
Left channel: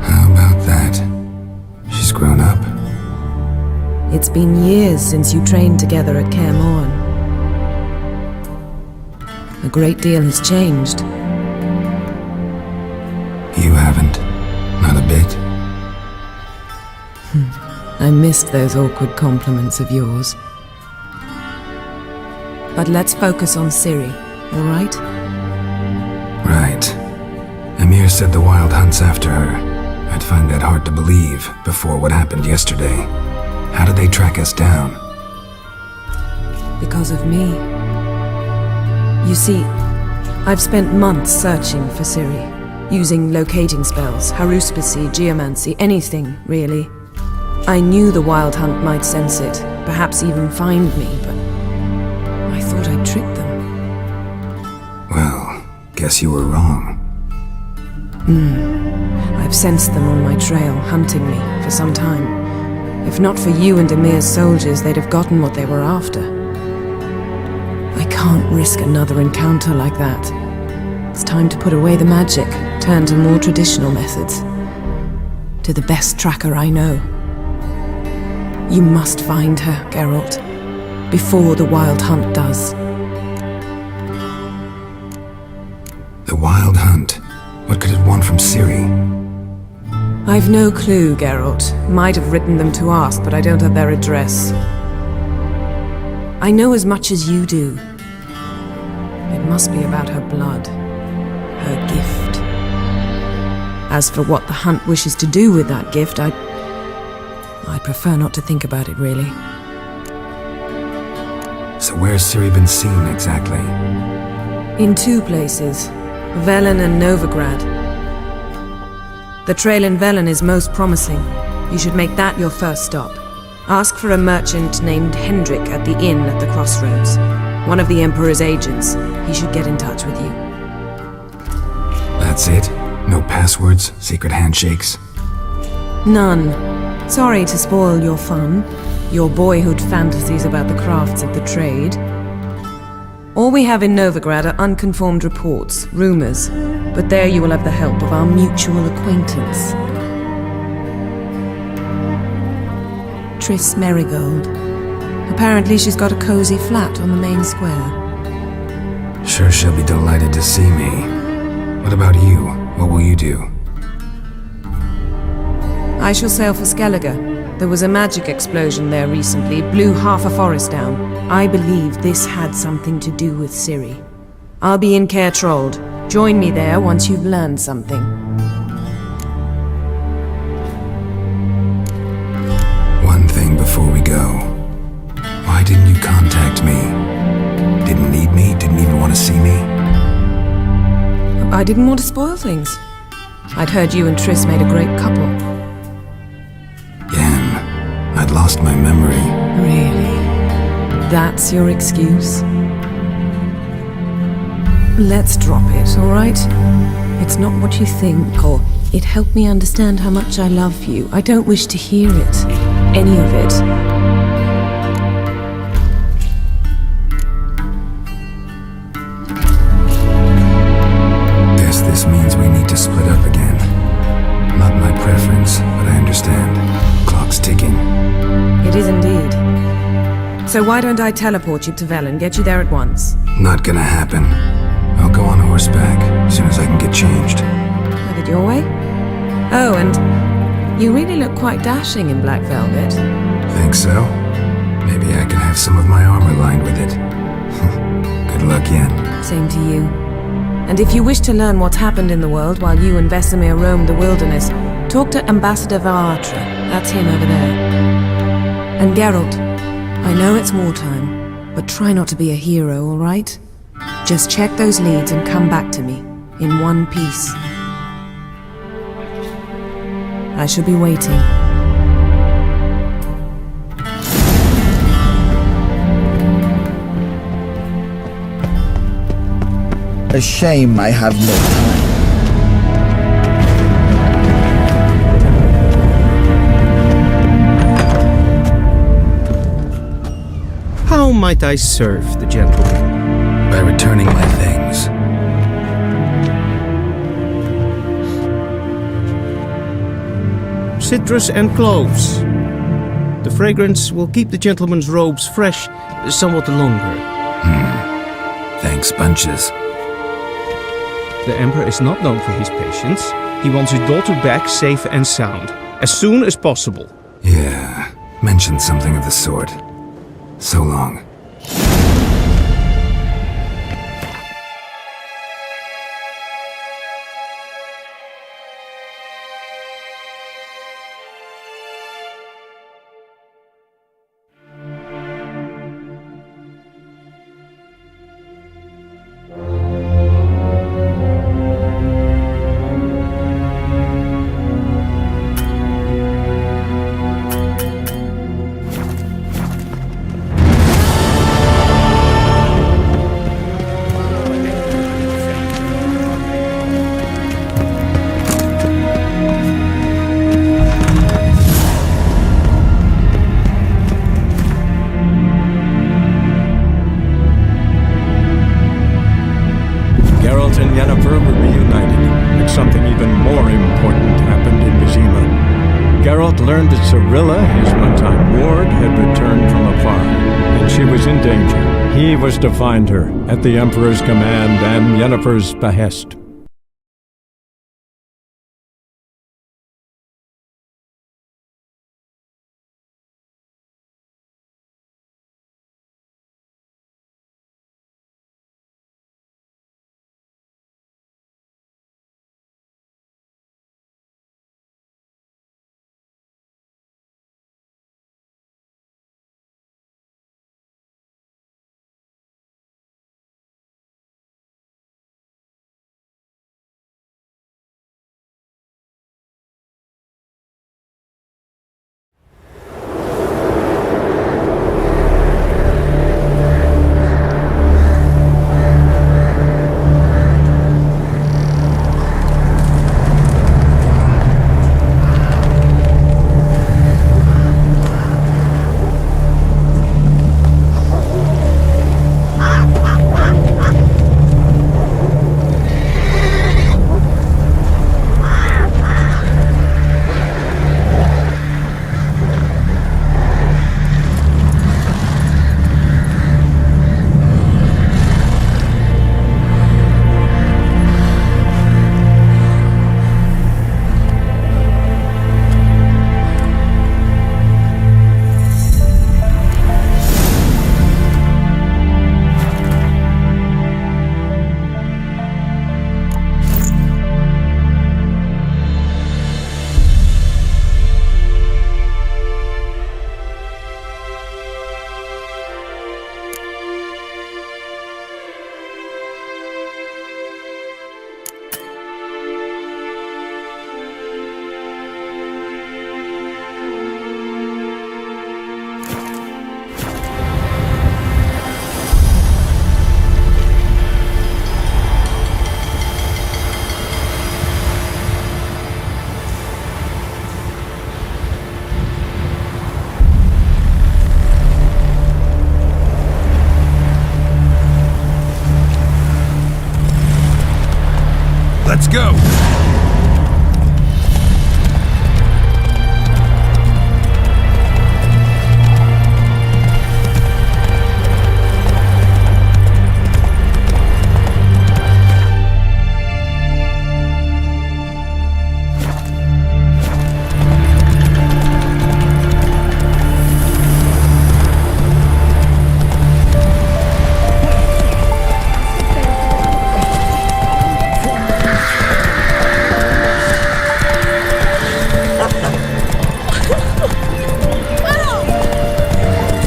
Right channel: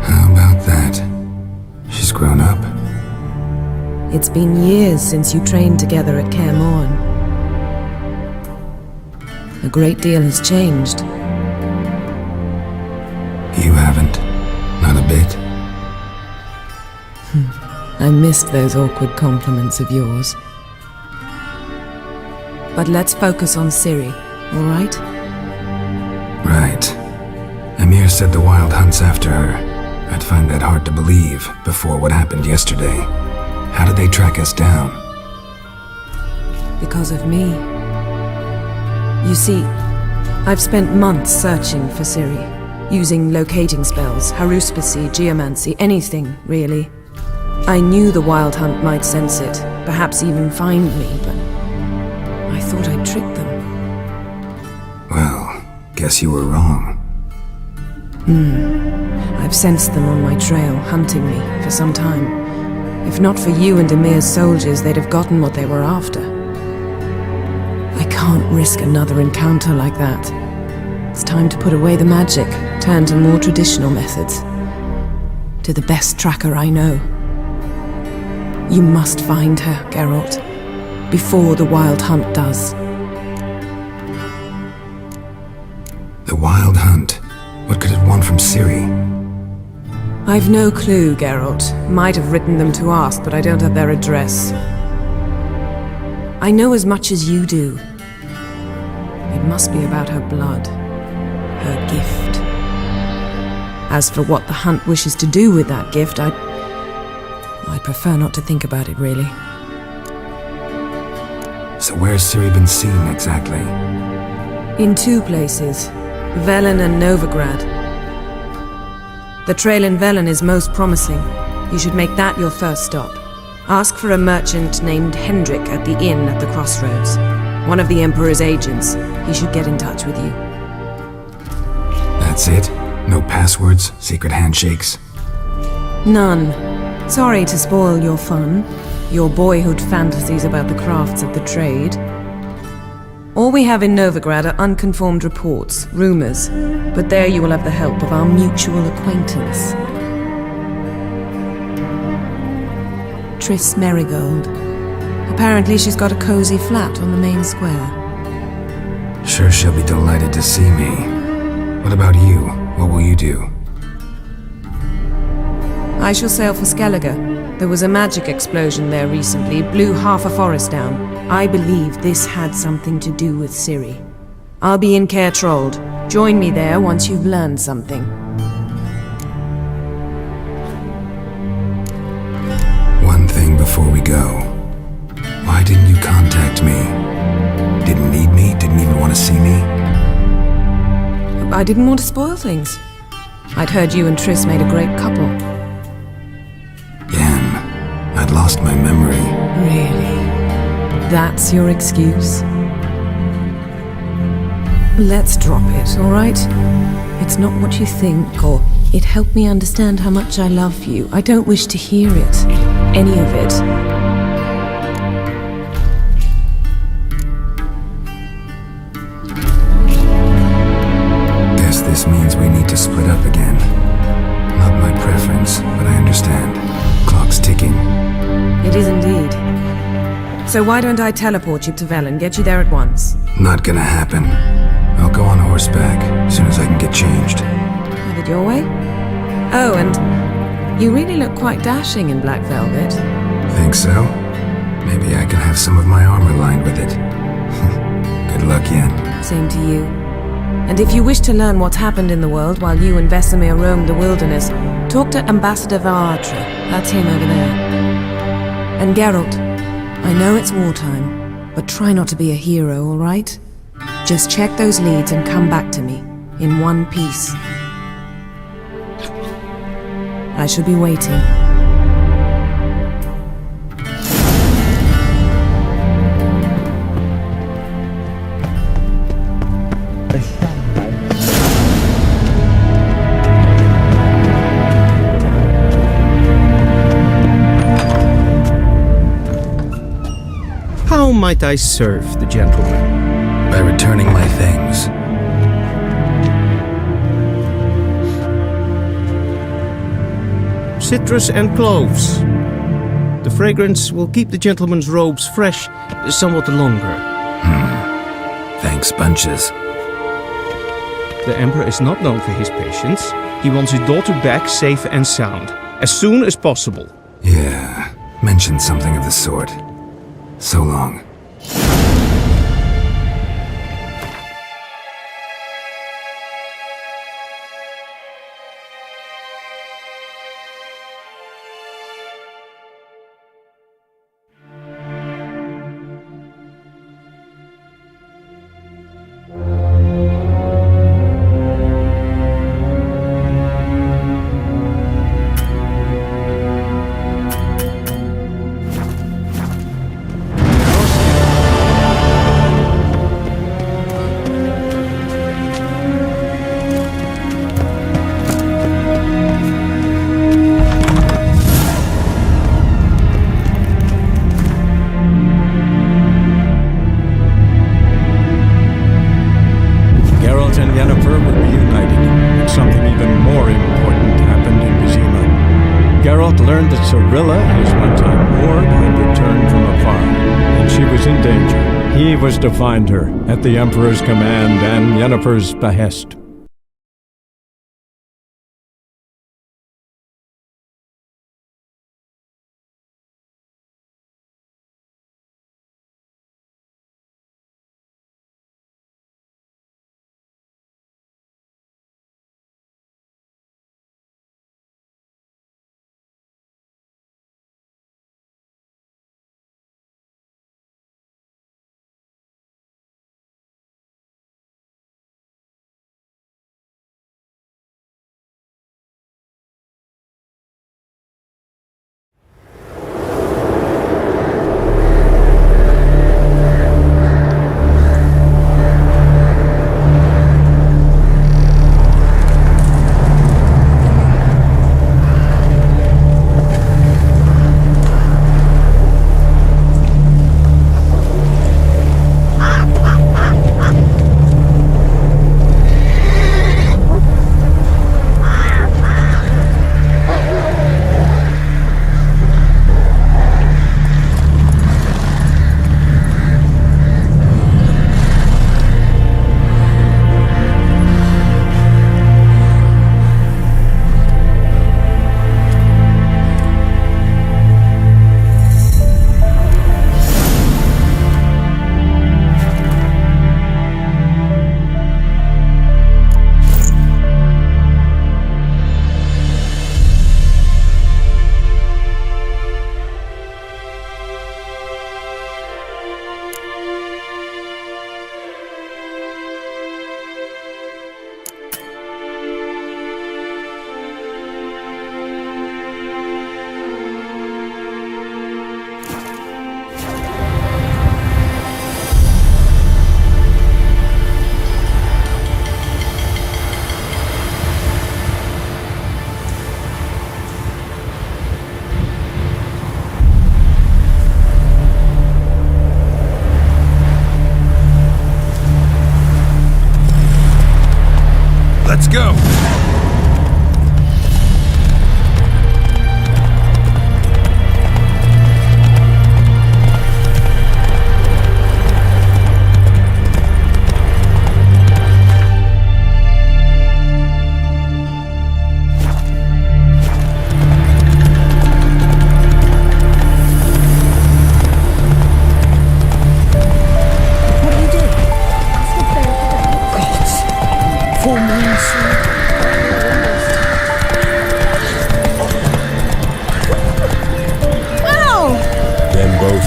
How about that? She's grown up. It's been years since you trained together at Kaer Morhen. A great deal has changed. You haven't. Not a bit. I missed those awkward compliments of yours. But let's focus on Ciri, all right? Right. Emir said the Wild Hunt's after her. I'd find that hard to believe before what happened yesterday. How did they track us down? Because of me. You see, I've spent months searching for Ciri, using locating spells, haruspicy, geomancy, anything, really. I knew the Wild Hunt might sense it, perhaps even find me, but I thought I'd tricked them. Well, guess you were wrong. I've sensed them on my trail, hunting me, for some time. If not for you and Emir's soldiers, they'd have gotten what they were after. I can't risk another encounter like that. It's time to put away the magic, turn to more traditional methods. To the best tracker I know. You must find her, Geralt, before the Wild Hunt does. The Wild Hunt? What could it want from Ciri? I've no clue, Geralt. Might have written them to ask, but I don't have their address. I know as much as you do. It must be about her blood. Her gift. As for what the Hunt wishes to do with that gift, I'd prefer not to think about it, really. So where's Ciri been seen, exactly? In two places. Velen and Novigrad. The trail in Velen is most promising. You should make that your first stop. Ask for a merchant named Hendrik at the inn at the crossroads. One of the Emperor's agents. He should get in touch with you. That's it? No passwords? Secret handshakes? None. Sorry to spoil your fun. your boyhood fantasies about the crafts of the trade. All we have in Novigrad are unconfirmed reports, rumors, but there you will have the help of our mutual acquaintance. Triss Merigold. Apparently she's got a cozy flat on the main square. Sure she'll be delighted to see me. What about you? What will you do? I shall sail for Skellige. There was a magic explosion there recently, blew half a forest down. I believe this had something to do with Ciri. I'll be in Caer Trold. Join me there once you've learned something. One thing before we go. Why didn't you contact me? Didn't need me? Didn't even want to see me? I didn't want to spoil things. I'd heard you and Triss made a great couple. Yen, I'd lost my memory. Really? That's your excuse? Let's drop it, all right? It's not what you think, or it helped me understand how much I love you. I don't wish to hear it. Any of it. Guess this means we need to split up again. Not my preference, but I understand. Clock's ticking. It is indeed. So why don't I teleport you to Velen, get you there at once? Not gonna happen. I'll go on horseback, as soon as I can get changed. Have it your way? Oh, and you really look quite dashing in black velvet. Think so? Maybe I can have some of my armor lined with it. Good luck, Yen. Same to you. And if you wish to learn what's happened in the world while you and Vesemir roamed the wilderness, talk to Ambassador Varatra. That's him over there. And Geralt, I know it's wartime, but try not to be a hero, all right? Just check those leads and come back to me, in one piece. I shall be waiting. A shame I have no... How might I serve the gentleman? By returning my things. Citrus and cloves. The fragrance will keep the gentleman's robes fresh somewhat longer. Thanks, bunches. The Emperor is not known for his patience. He wants his daughter back safe and sound, as soon as possible. Yeah, mentioned something of the sort. So long. Geralt and Yennefer were reunited, but something even more important happened in Vizima. Geralt learned that Cirilla, his one-time ward, had returned from afar, and she was in danger. He was to find her, at the Emperor's command and Yennefer's behest. Let's go!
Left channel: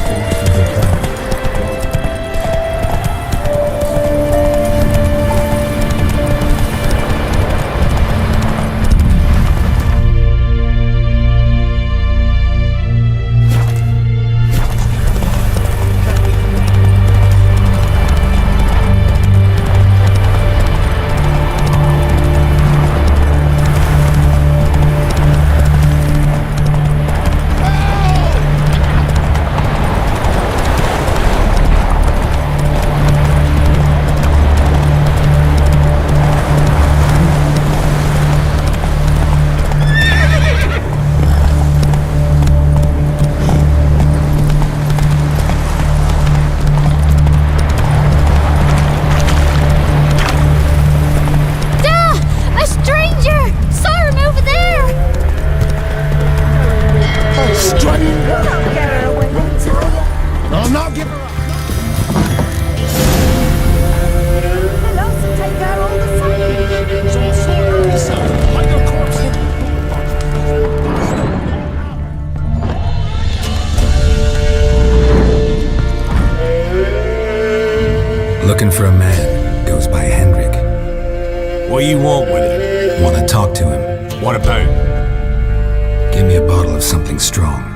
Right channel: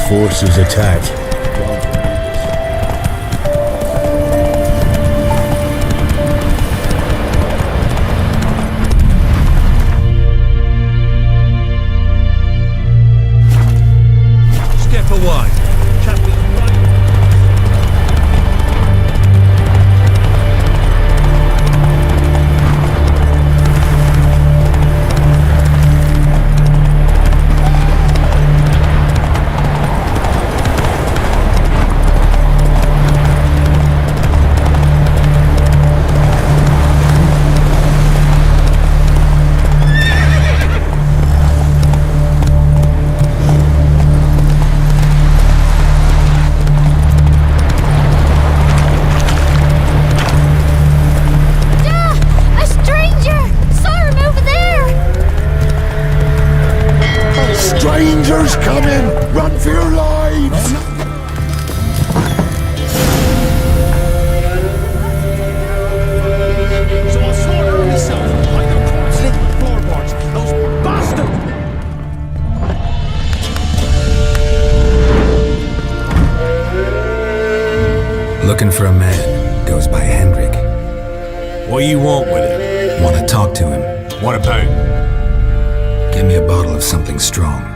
Forces attack. Step away. Strangers coming! Run for your lives! So I'll slaughter her myself. Hide her corpse in the floorboards. Those bastards! Looking for a man. Goes by Hendrik. What do you want with him? Want to talk to him. What about? Give me a bottle of something strong.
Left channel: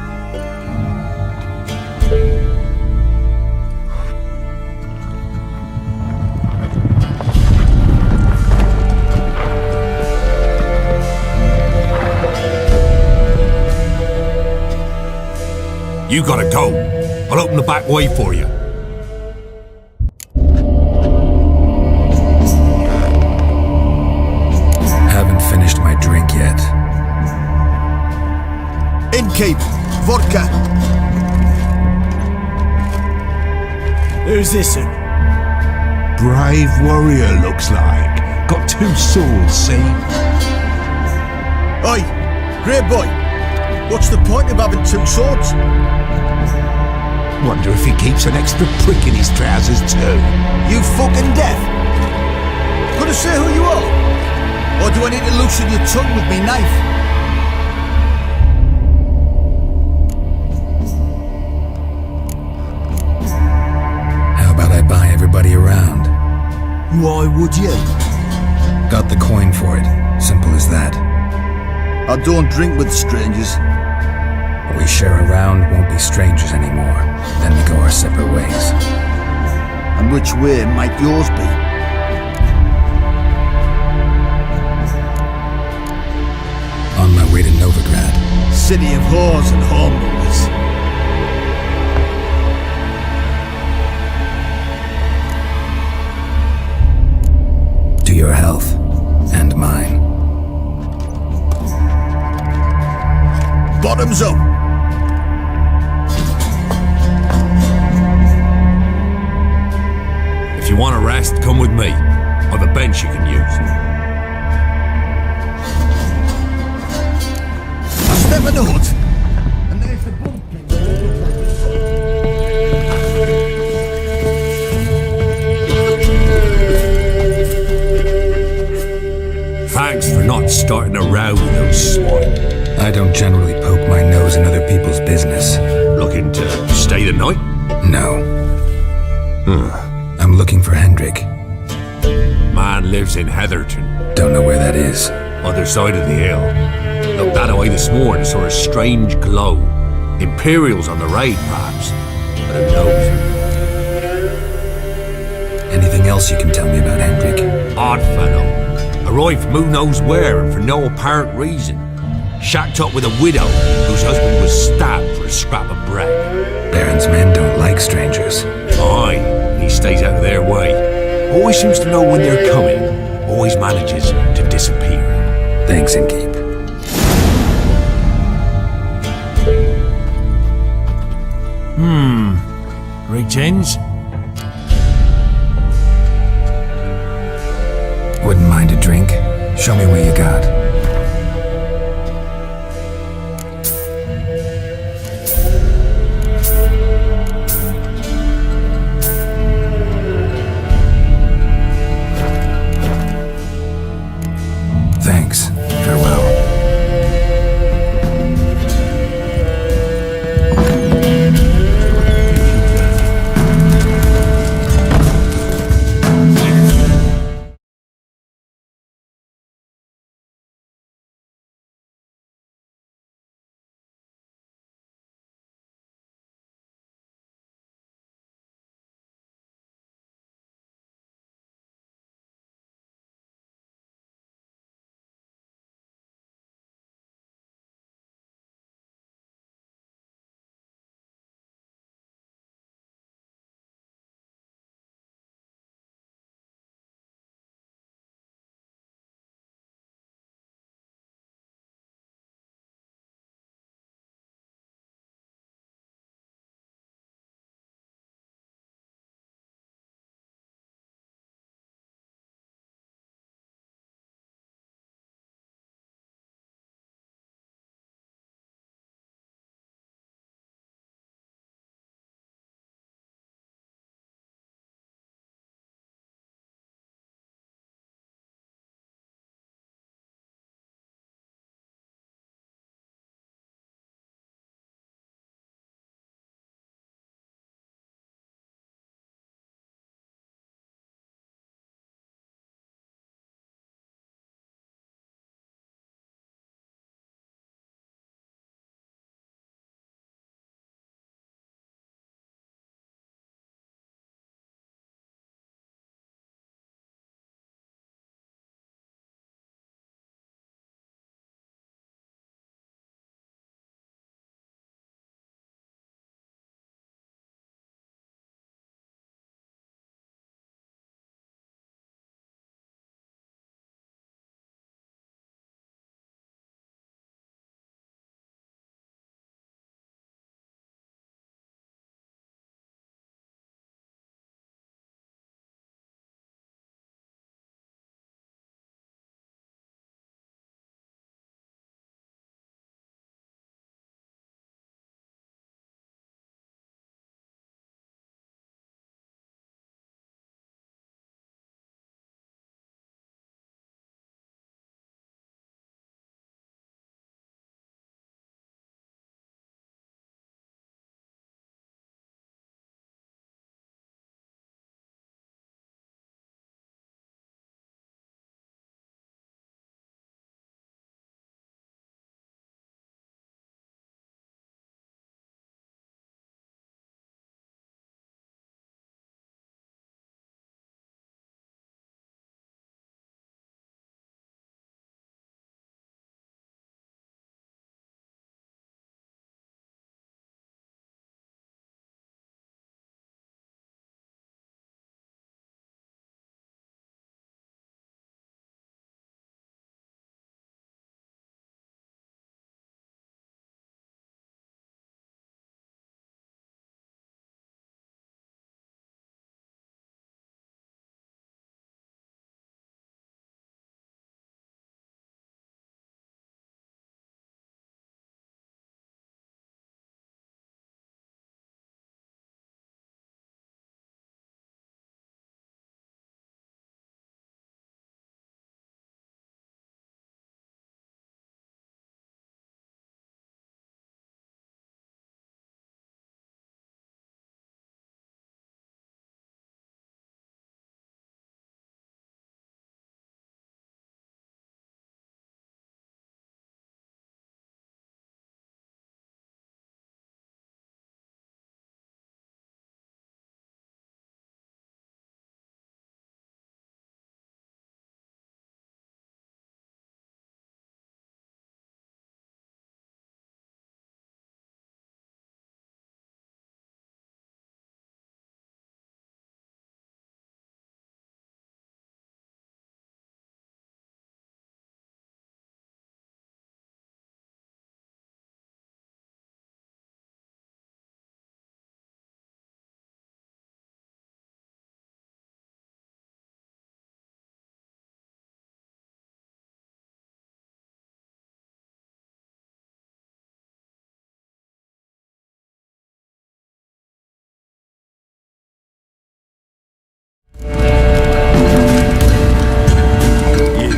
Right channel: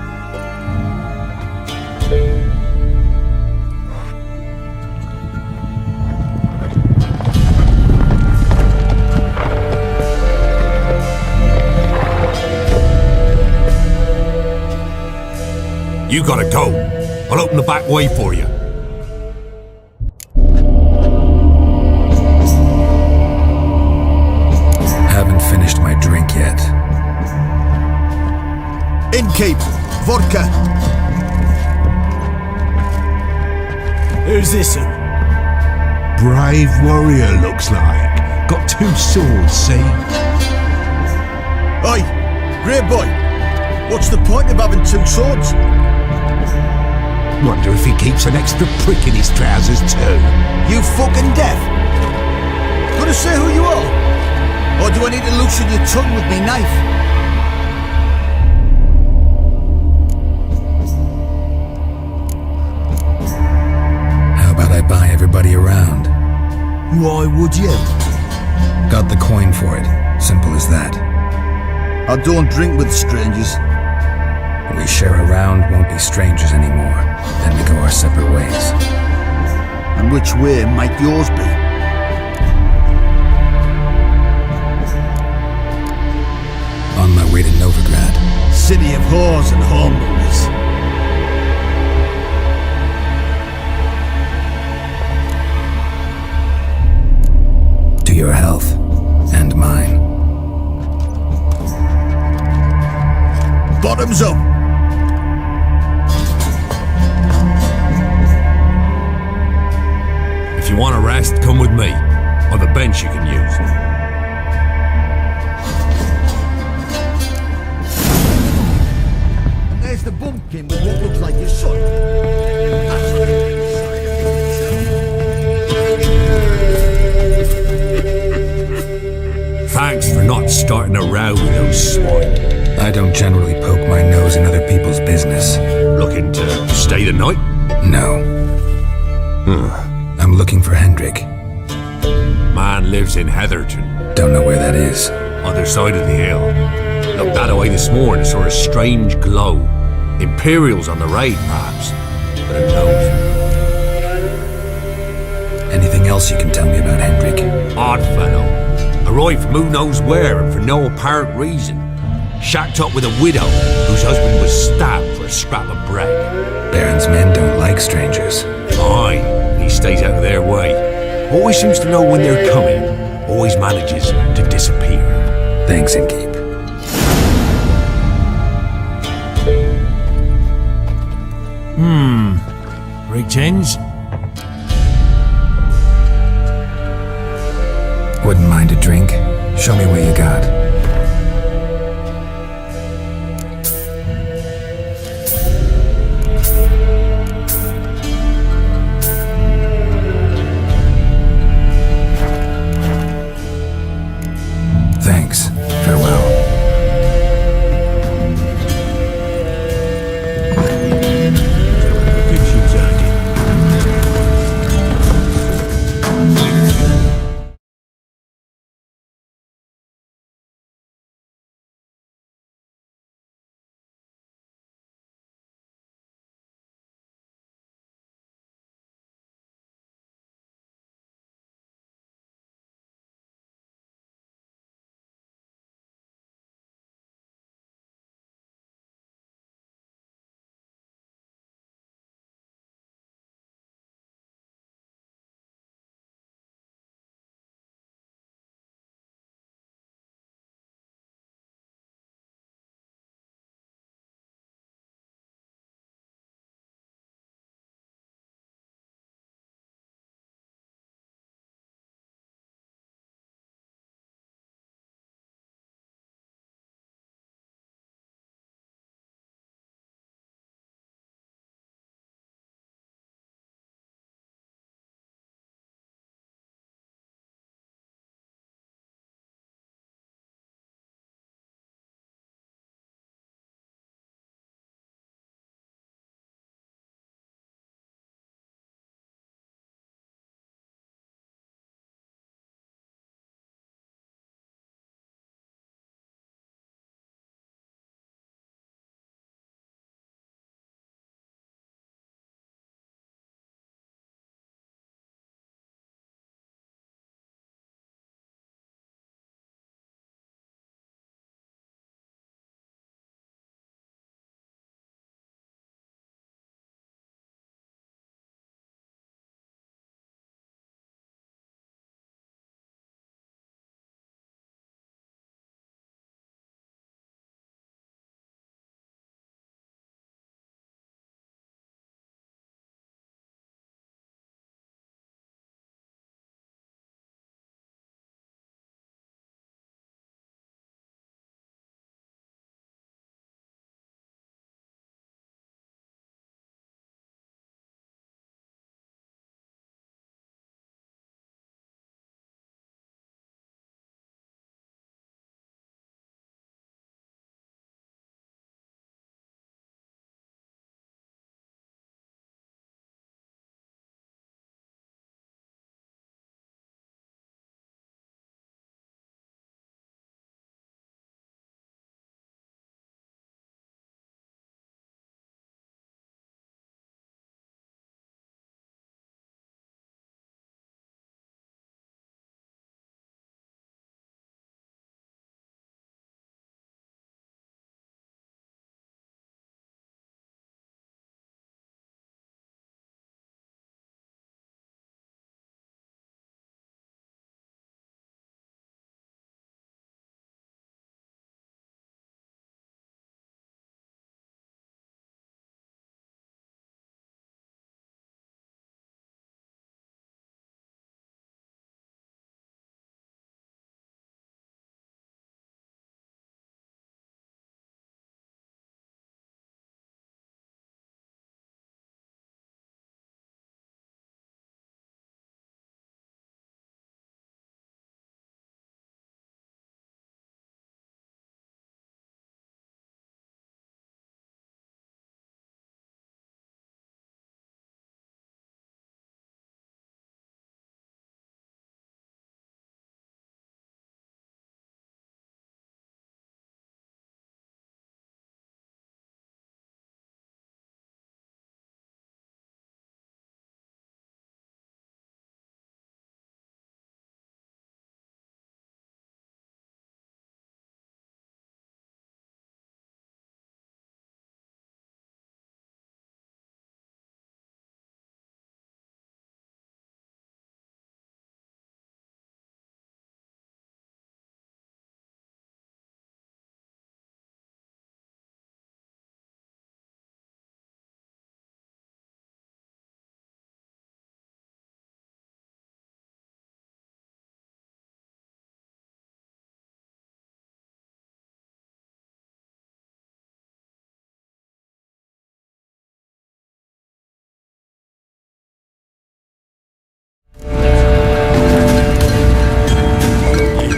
You gotta go. I'll open the back way for you. Haven't finished my drink yet. Innkeep, vodka. Who's this one? Brave warrior, looks like. Got 2 swords, see? Oi, grey boy. What's the point of having 2 swords? Wonder if he keeps an extra prick in his trousers too. You fucking deaf? Gonna say who you are? Or do I need to loosen your tongue with me knife? How about I buy everybody around? Why would you? Got the coin for it. Simple as that. I don't drink with strangers. We share a round, won't be strangers anymore. Then we go our separate ways. And which way might yours be? On my way to Novigrad. City of whores and whoremongers. To your health. And mine. Bottoms up! If you want a rest, come with me. Or the bench you can use. Step in the hut. And there's the bumpkin with what looks like your son. Thanks for not starting a row with those swine. I don't generally poke my nose in other people's business. Looking to stay the night? No. I'm looking for Hendrik. Man lives in Heatherton. Don't know where that is. Other side of the hill. Looked that away this morning, saw a strange glow. Imperials on the raid, perhaps. But who knows? Anything else you can tell me about Hendrik? Odd fellow. Arrived from who knows where and for no apparent reason. Shacked up with a widow whose husband was stabbed for a scrap of bread. Baron's men don't like strangers. Aye, and he stays out of their way. Always seems to know when they're coming. always manages to disappear. Thanks, Innkeep. Greetings. Wouldn't mind a drink? Show me what you got. Thanks. Farewell.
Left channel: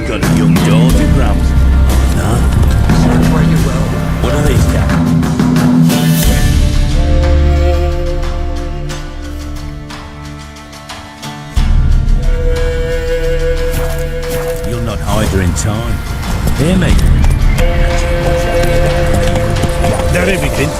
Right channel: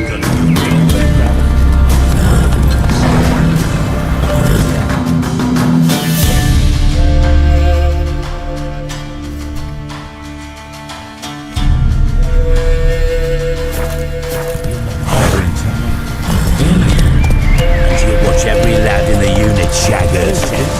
got a young daughter, Bram. Segue you well. What are they? You'll not harbour in time. Hear me? And you'll watch every lad in the unit shatter everything.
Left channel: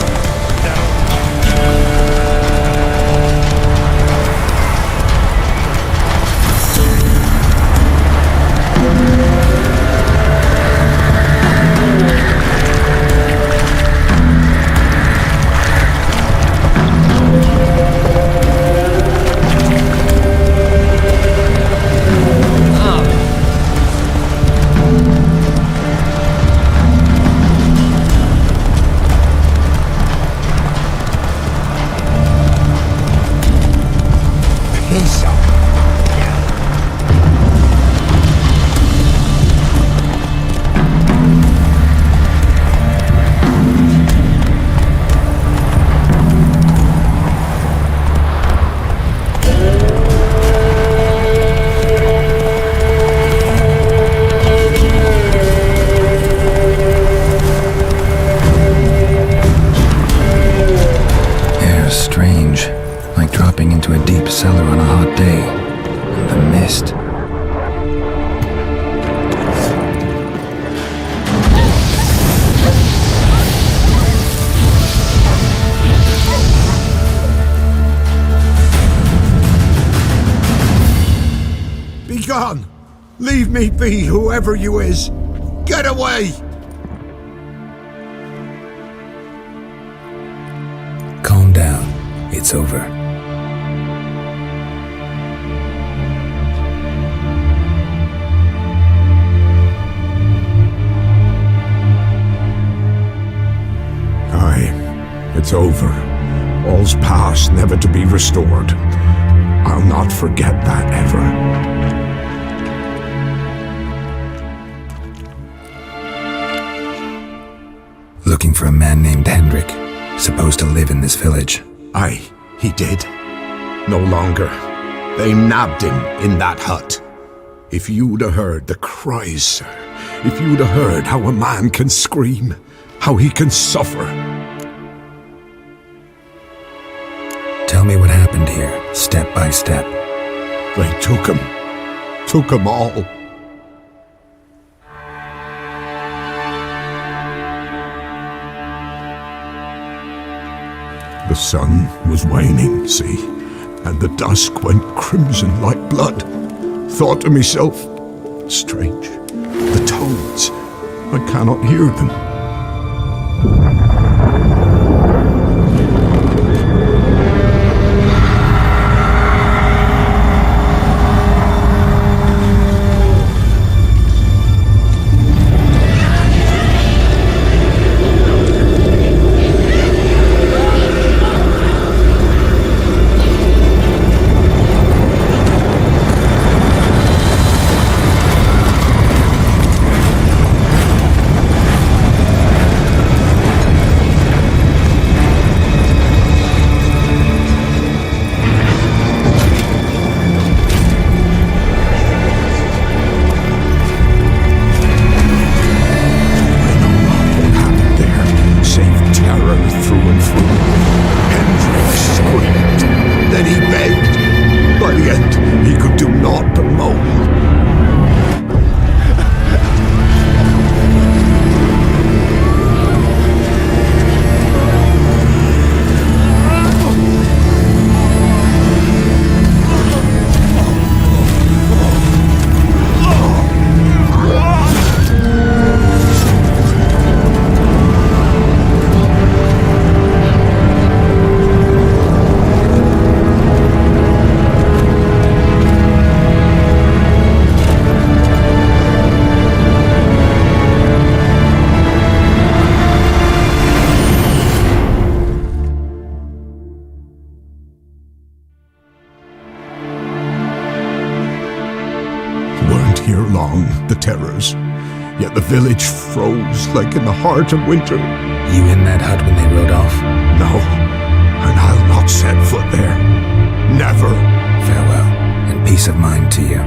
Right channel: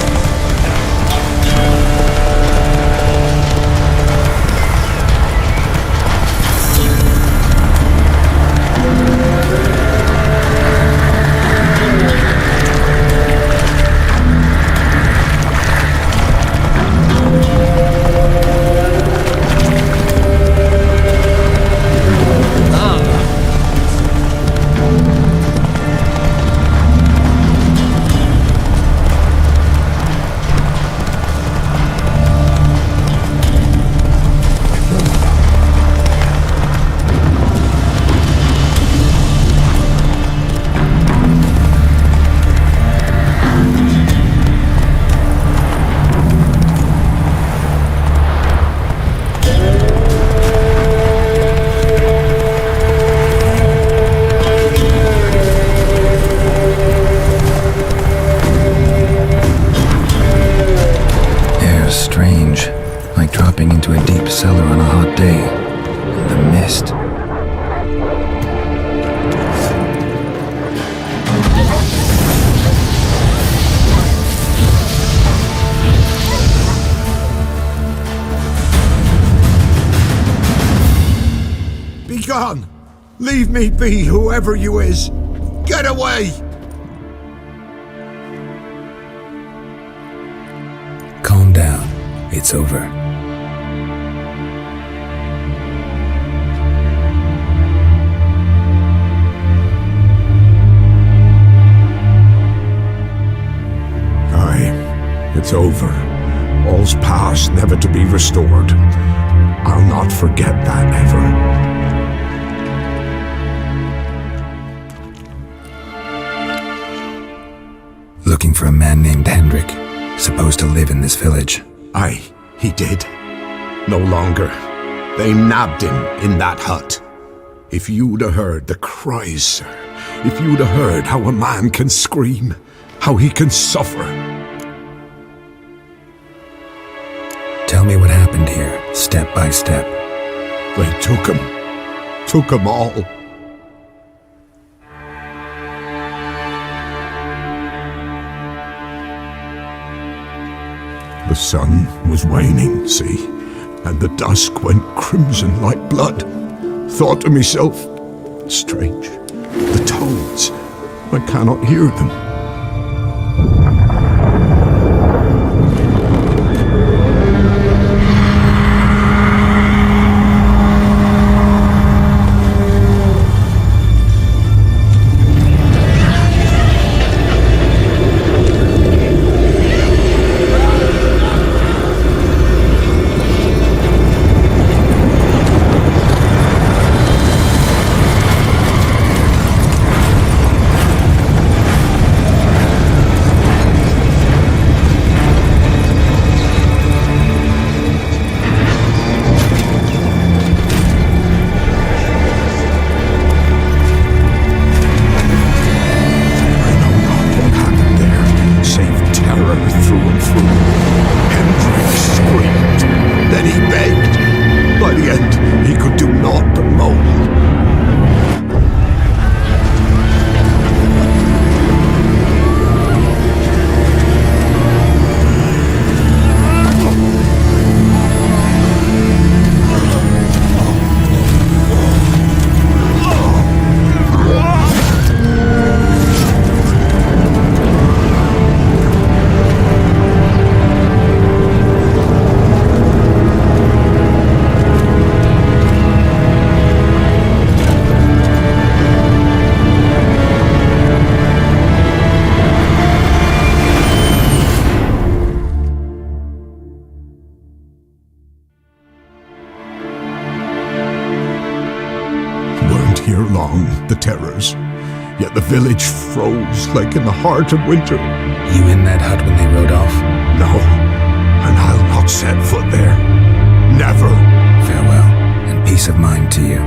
Strange, like dropping into a deep cellar on a hot day. And the mist. Be gone! Leave me be, whoever you is! Get away! Calm down. It's over. Aye, it's over. All's past, never to be restored. I'll not forget that ever. Looking for a man named Hendrik, supposed to live in this village. Aye, he did. No longer. They nabbed him in that hut. If you'd have heard the cries, sir, if you'd have heard how a man can scream, how he can suffer. Tell me what happened here, step by step. They took him all. The sun was waning, see, and the dusk went crimson like blood. Thought to myself, strange, the toads, I cannot hear them. Save terror through and through. Hendrik screamed. Then he begged. By the end, he could do naught but moan. Weren't here long, the terrors. Yet the village froze like in the heart of winter. You in that hut when they rode off? No, and I'll not set foot there. Never. Farewell, and peace of mind to you.